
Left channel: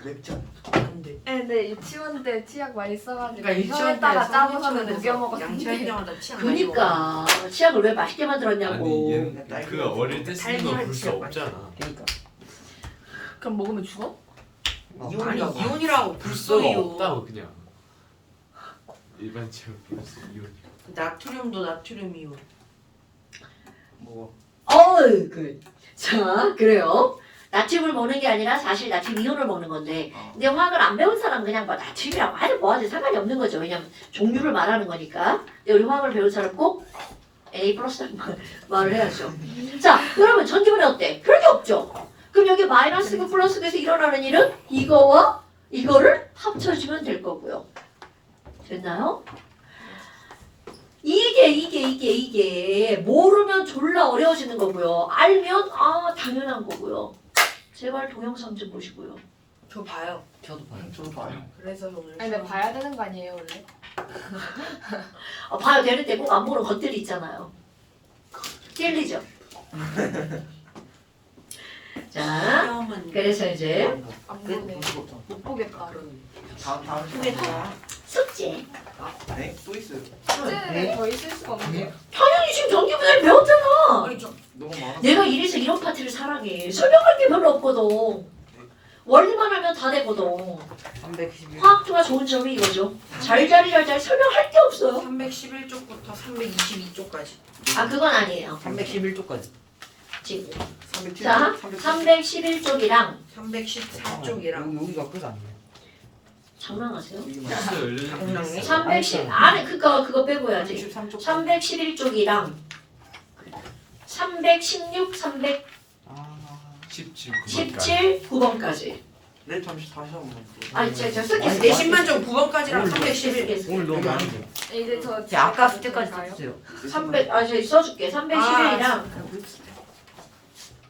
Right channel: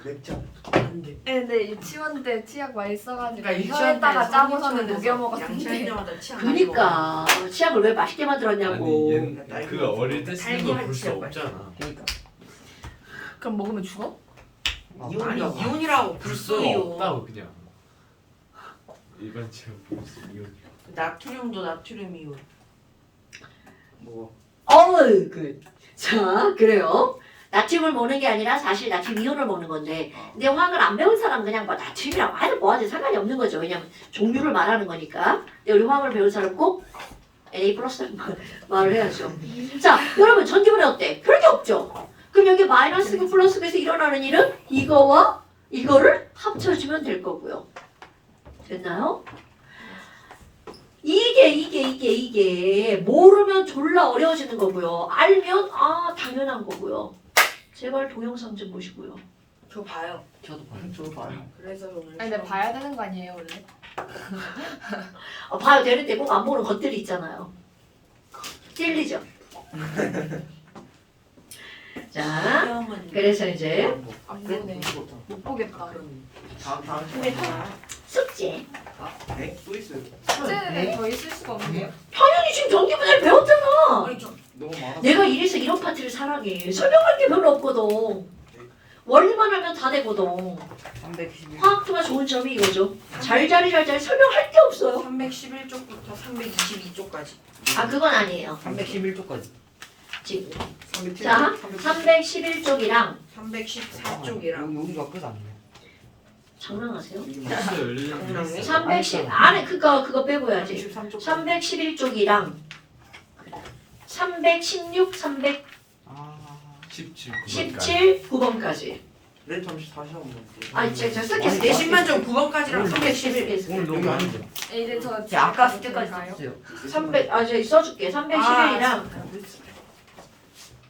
맥주. 안돼. 네, 근데 유치원 때 치약 많이 써가지고 그러니까 혀에다가 유치원 짜고서는 때 녹여 양치할 먹었는데 때마다 치약 많이 먹어. 그니까 치약을 왜 맛있게 아니 만들었냐고. 얘는 그가 어릴 때 쓰는 거 달걀 볼 수 치약 없잖아. 그러니까. 그럼 먹으면 죽어? 아니 이온이라고. 이온이라고 불소 불소가 이온. 없다고 그냥. 일반 치약 불소 이온. 나트륨도 나트륨 이온. 뭐 자 그래요. 나트륨을 먹는 게 아니라 사실 나트륨 이온을 먹는 건데 근데 화학을 안 배운 사람은 그냥 뭐 나트륨이라고 하든 뭐하든 상관이 없는 거죠. 왜냐면 종류를 말하는 거니까. 근데 우리 화학을 배운 사람 꼭 Na 플러스 말을 해야죠. 자 그러면 전기분해 어때? 별게 없죠. 그럼 여기 마이너스고 플러스에서 일어나는 일은 이거와 이거를 합쳐주면 될 거고요. 됐나요? 이게 모르면 졸라 어려워지는 거고요. 알면 당연한 거고요. 제발 동영상 좀 보시고요. 저 봐요. 저도 봐요. 저도 봐요. 그래서 오늘 아니 근데 봐야 되는 거 아니에요 원래? 봐야 되는데 꼭 안 보는 것들이 있잖아요. 찔리죠? 자, 시험은 그래서 이제 안 네? 보네. 무슨 못 보겠다. 다음 근데 다 숙제. 네? 또 있어요. 숙제는 더 있을 수가 없네요. 당연히 지금 전기분해를 배웠잖아. 아니, 저- 너무 많아. 내가 이래서 이런 파트를 사랑해. 설명할 게 별로 없거든. 원리만 하면 다 되거든. 311. 화학도가 좋은 점이 이거죠. 잘 설명할 게 없어요. 311쪽부터 322쪽까지. 그건 아니에요. 311쪽까지. 지금. 307. 자, 311쪽이랑 314쪽이랑 여기가 끝 아니에요? 장난하세요? 있어요. 열린 310 안에 그거 빼고 해야지. 313쪽. 311쪽이랑 316, 317, 아. 17 9번까지. 네, 잠시 다시 한번 볼게요. 제가 쓸게 아니, 쓸게. 신변적 9번까지랑 311. 오늘 너무 많은 거. 이제 저 제 아까 집에 숙제까지 가요? 썼어요. 300, 저기 써줄게. 311이랑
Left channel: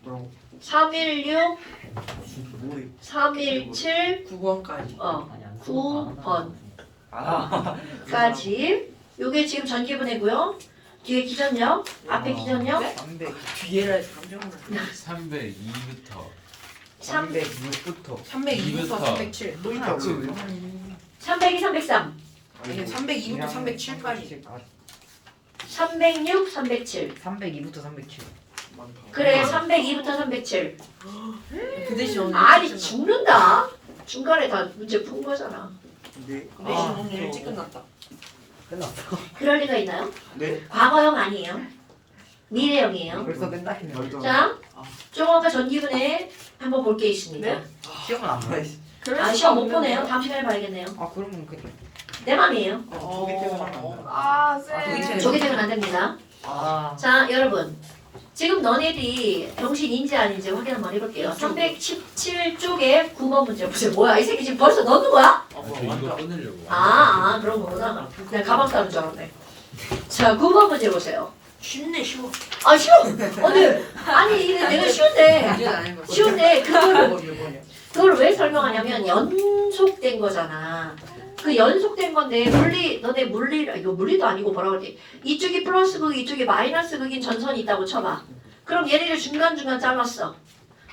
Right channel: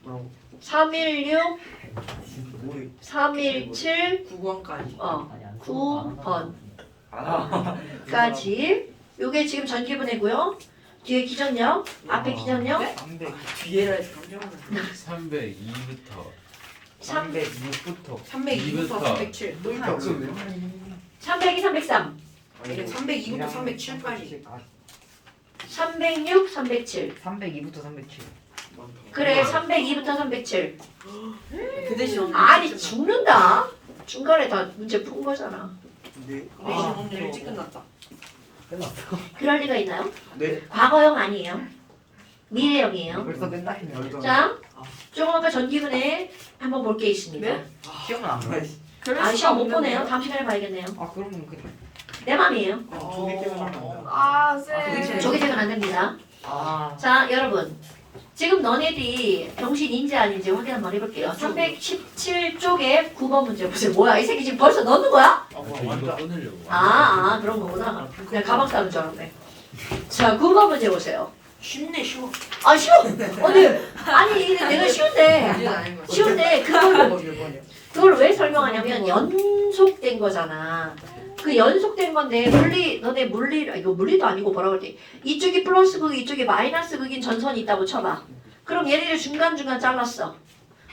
뭐라고? 316, 모르. 317, 9번까지. 아니 안 9번. 아. 까지. 요게 지금 전기분해고요. 뒤에 기전력, 앞에 기전력. 300. 뒤에라 감정. 302부터 306부터. 302부터 307. 그러니까 302, 303, 이게 302부터 307까지. 306, 307. 302부터 307. 그래, 302부터 307. 그 대신 오늘 아니, 일찍 죽는다. 중간에 다 문제 푼 거잖아. 네. 끝났다. 그 대신 오늘 일찍 끝났다. 끝났어. 그럴 리가 있나요? 네. 과거형 아니에요. 미래형이에요. 벌써 맨날이네. 자, 조금 아까 전기분해 한번 볼 게 있습니다. 네? 시험은 안 봐요. 아, 시험 못 보네요. 다음 시간에 봐야겠네요. 아 그러면 그래. 내 맘이에요. 저기 때문에 안 한다. 아 저기 쌤. 조기 퇴근 안 됩니다. 아. 자, 여러분. 지금 너네들이 정신인지 아닌지 확인 한번 해볼게요. 317쪽에 9번 문제 보세요. 뭐야, 이 새끼 지금 벌써 넣는 거야? 아 이거 완전. 끊으려고. 그런 거구나. 그냥 가방 싸는 줄 알았네. 자, 9번 문제 보세요. 쉽네 쉬워. 아, 쉬워. 아니, 이게 내가 쉬운데. 이게 아닌 거. 쉬운데, 이게 뭐냐? 그걸 왜 설명하냐면 연속된 거잖아. 그 그 연속된 건데 너네 물리 이거 물리도 아니고 뭐라 그러지? 이쪽이 플러스 극 이쪽이 마이너스 극인 전선이 있다고 쳐봐. 그럼 얘네를 중간중간 잘랐어.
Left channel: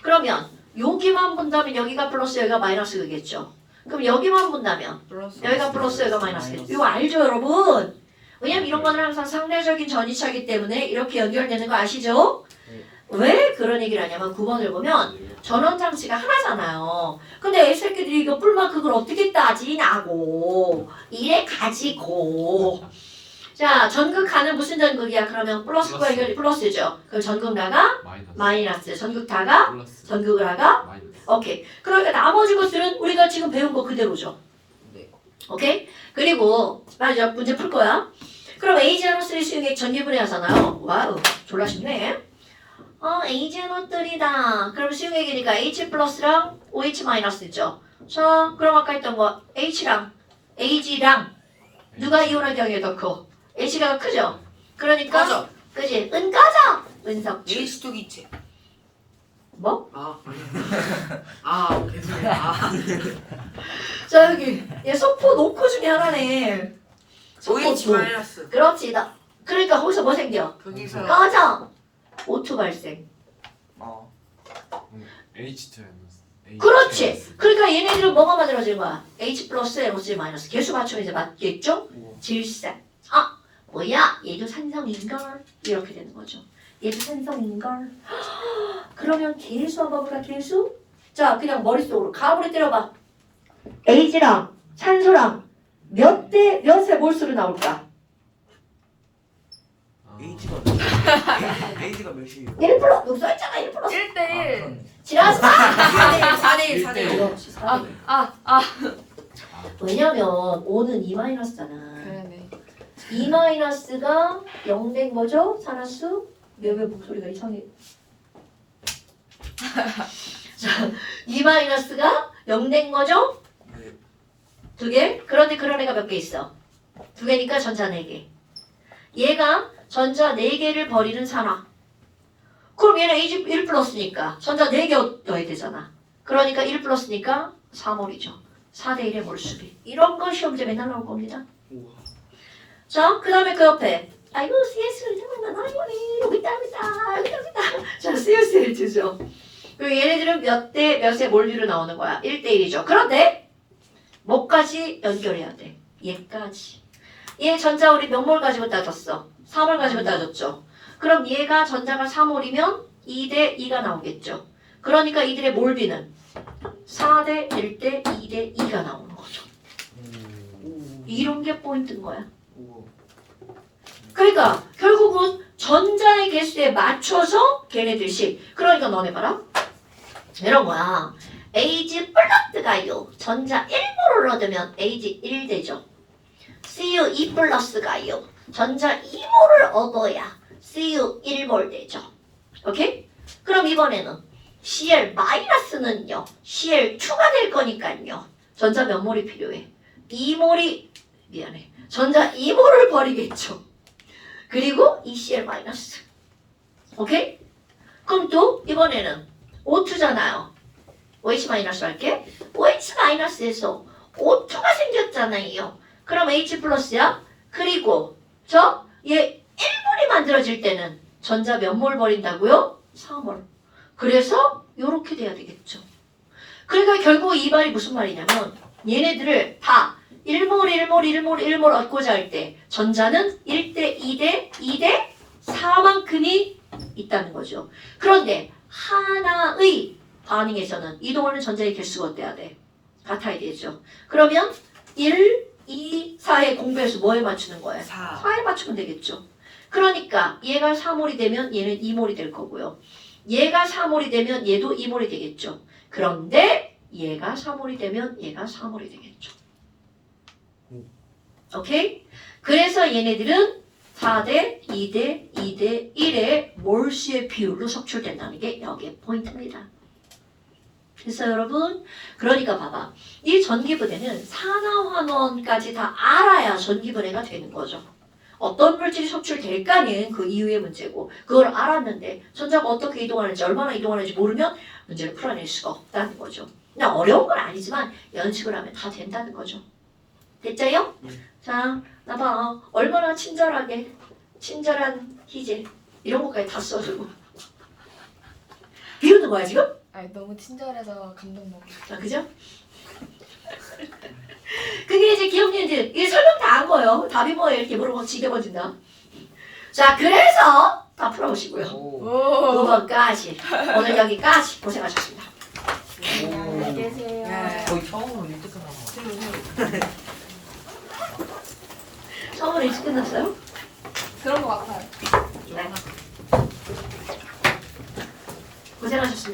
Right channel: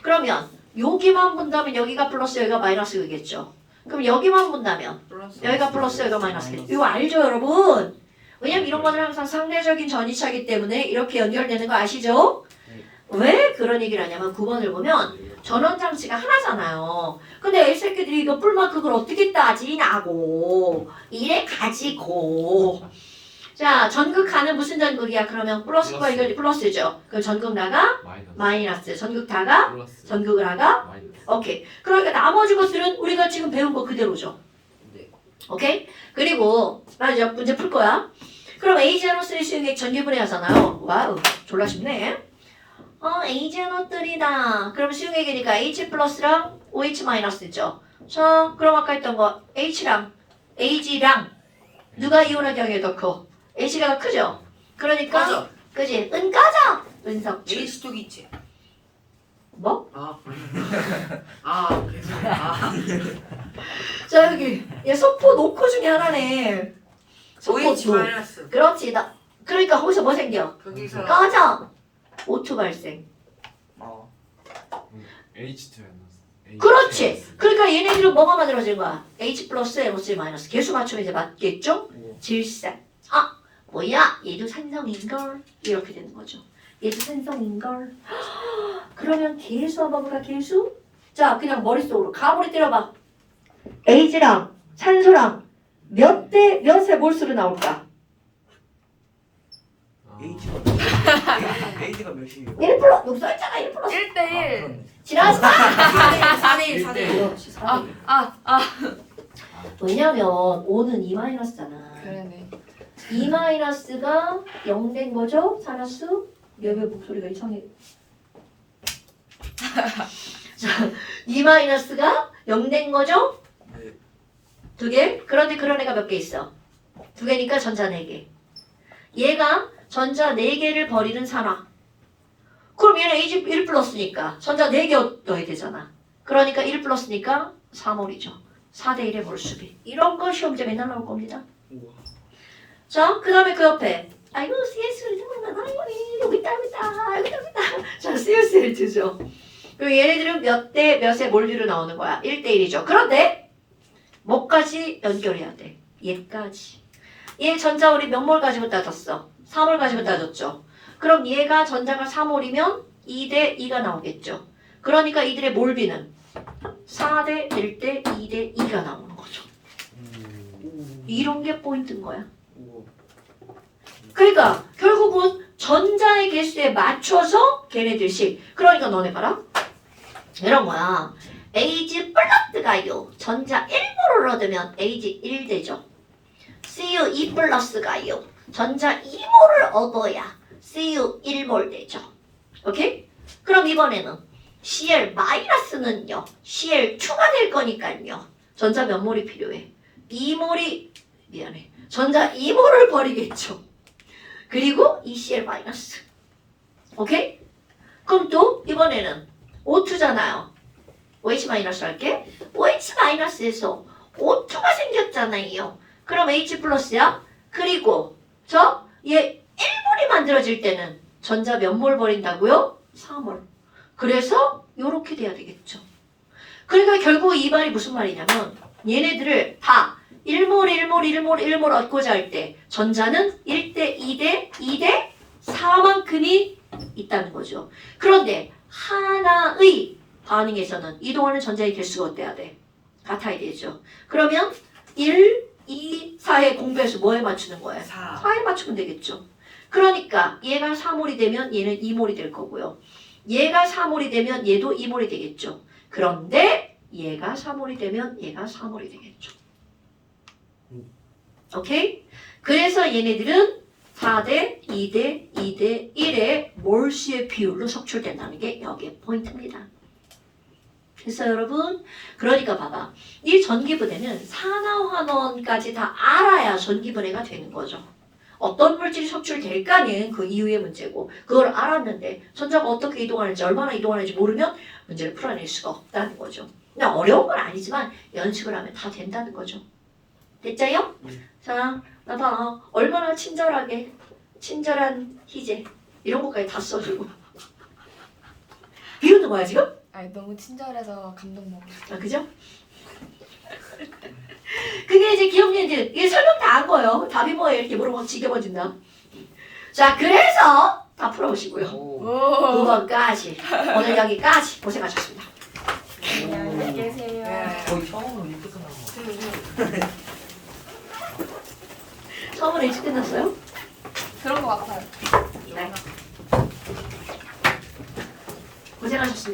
그러면 여기만 본다면 여기가 플러스 여기가 마이너스 극이겠죠. 그럼 여기만 본다면 여기가 플러스 여기가 마이너스 극. 이거 알죠 여러분? 왜냐면 이런 거는 항상 상대적인 전이차이기 때문에 이렇게 연결되는 거 아시죠? 왜 그런 얘기를 하냐면 9번을 보면 전원장치가 하나잖아요. 근데 애새끼들이 이거 뿔만 그걸 어떻게 따지냐고 이래 가지고 자 전극하는 무슨 전극이야? 그러면 플러스과 이거 플러스죠. 그 전극 나가 마이너스 전극 다가 플러스 전극을 하가 마이너스. 오케이. 그러니까 나머지 것들은 우리가 지금 배운 거 그대로죠. 네. 오케이? 그리고 맞아 문제 풀 거야. 그럼 에이지아노3 수용액 전기분해 하잖아요. 와우 졸라 쉽네. 에이지아노3다. 그럼 수용액이니까 H 플러스랑 OH 마이너스죠. 자 그럼 아까 했던 거 H랑 AG랑 누가 이온할 경우에 더 커? H가 더 크죠? 그러니까 맞아. 그지? 은가자! 은석출. H 쪽 있지. 뭐? 계속. 자 여기 얘 소포 노코 중에 하나네. 소포 OH 노. 마이너스. 그렇지. 그러니까 거기서 뭐 생겨? 거기서 꺼져! O2 발생. 어. H2 그렇지. 그러니까 얘네들은 뭐가 만들어진 거야? H 플러스 NO3 마이너스. 개수 맞추면 이제 맞겠죠? 질산. 아 뭐야? 얘도 산성인걸? 이렇게 되는 거죠. 얘도 산성인걸? 그러면 개수 한번 볼까? 개수? 자 그냥 머릿속으로 가물이 때려봐. H랑 산소랑 몇 대 몇의 몰수로 나올까? H가 H가 몇이에요? 1 플러스 여기 써있잖아 1 플러스 1대1. 지라시 4대1 그렇지 4대1 왜냐면 5는 2 마이너스잖아 그러네. 2 마이너스가 0 된 거죠? 산화수? 여기 목소리가 이상해 자, 2 마이너스가 0 된 거죠? 네. 두 개? 그런데 그런 애가 몇 개 있어? 두 개니까 전자 4개 얘가 전자 4개를 버리는 산화 그럼 얘는 H1 플러스니까 전자 4개 넣어야 되잖아 그러니까 1 플러스니까 3몰이죠 4대1의 몰수비 이런 거 시험제 맨날 나올 겁니다 우와. 자, 그 다음에 그 옆에 아이고 CS를 생각나 아이고 여기 있다 자 CSL2죠 그리고 얘네들은 몇 대 몇의 몰류로 나오는 거야 1대1이죠 그런데 뭐까지 연결해야 돼 얘까지 얘 전자 우리 몇 몰 가지고 따졌어 3몰 가지고 따졌죠 그럼 얘가 전자가 3몰이면 2대 2가 나오겠죠 그러니까 이들의 몰비는 4대 1대 2대 2가 나오는 거죠 이런 게 포인트인 거야 우와. 그러니까 결국은 전자의 개수에 맞춰서 걔네들씩 그러니까 너네 봐라 이런 거야 Ag 플러스가요 전자 1몰을 얻으면 Ag 1되죠 Cu 2 플러스가요 전자 2몰을 얻어야 Cu 1몰 되죠 오케이? 그럼 이번에는 Cl 마이너스는요 Cl2가 될 거니까요 전자 몇 몰이 필요해? 2몰이 미안해 전자 2몰을 버리겠죠 그리고 ECl 마이너스 오케이? 그럼 또 이번에는 O2잖아요 OH 마이너스 할게 OH 마이너스에서 O2가 생겼잖아요 그럼 H 플러스야 그리고 얘 1몰이 만들어질 때는 전자 몇 몰 버린다고요? 4몰 그래서 요렇게 돼야 되겠죠 그러니까 결국 이 말이 무슨 말이냐면 얘네들을 다 1몰 얻고자 할 때 전자는 1대 2대 2대 4만큼이 있다는 거죠. 그런데 하나의 반응에서는 이동하는 전자의 개수가 어때야 돼? 같아야 되죠. 그러면 1, 2, 4의 공배수 뭐에 맞추는 거예요? 4. 4에 맞추면 되겠죠. 그러니까 얘가 4몰이 되면 얘는 2몰이 될 거고요. 얘가 4몰이 되면 얘도 2몰이 되겠죠. 그런데 얘가 3몰이 되면 얘가 4몰이 되겠죠. 오케이? 그래서 얘네들은 4대 2대 2대 1의 몰수의 비율로 석출된다는 게 여기에 포인트입니다. 그래서 여러분 그러니까 봐봐 이 전기분해는 산화환원까지 다 알아야 전기분해가 되는 거죠. 어떤 물질이 석출될까는 그 이후의 문제고 그걸 알았는데 전자가 어떻게 이동하는지 얼마나 이동하는지 모르면 문제를 풀어낼 수가 없다는 거죠. 그냥 어려운 건 아니지만 연습을 하면 다 된다는 거죠. 됐죠요? 예. 자, 나봐. 얼마나 친절한 희재. 이런 것까지 다 써주고. 비웃는 거야, 지금? 아니 너무 친절해서 감동 먹어. 자, 그죠? 그게 이제 기억니들 이게 설명 다 한 거예요. 답이 뭐예요? 이렇게 물어보면 지겨워진다. 자, 그래서 다 풀어보시고요. 오. 오. 9번까지 오늘 여기까지 고생하셨습니다. 안녕히 계세요. 네. 거의 처음으로 일찍 끝난 거. 처음으로 일찍 끝났어요? 그런 거 같아요. 네. 고생하셨습니다.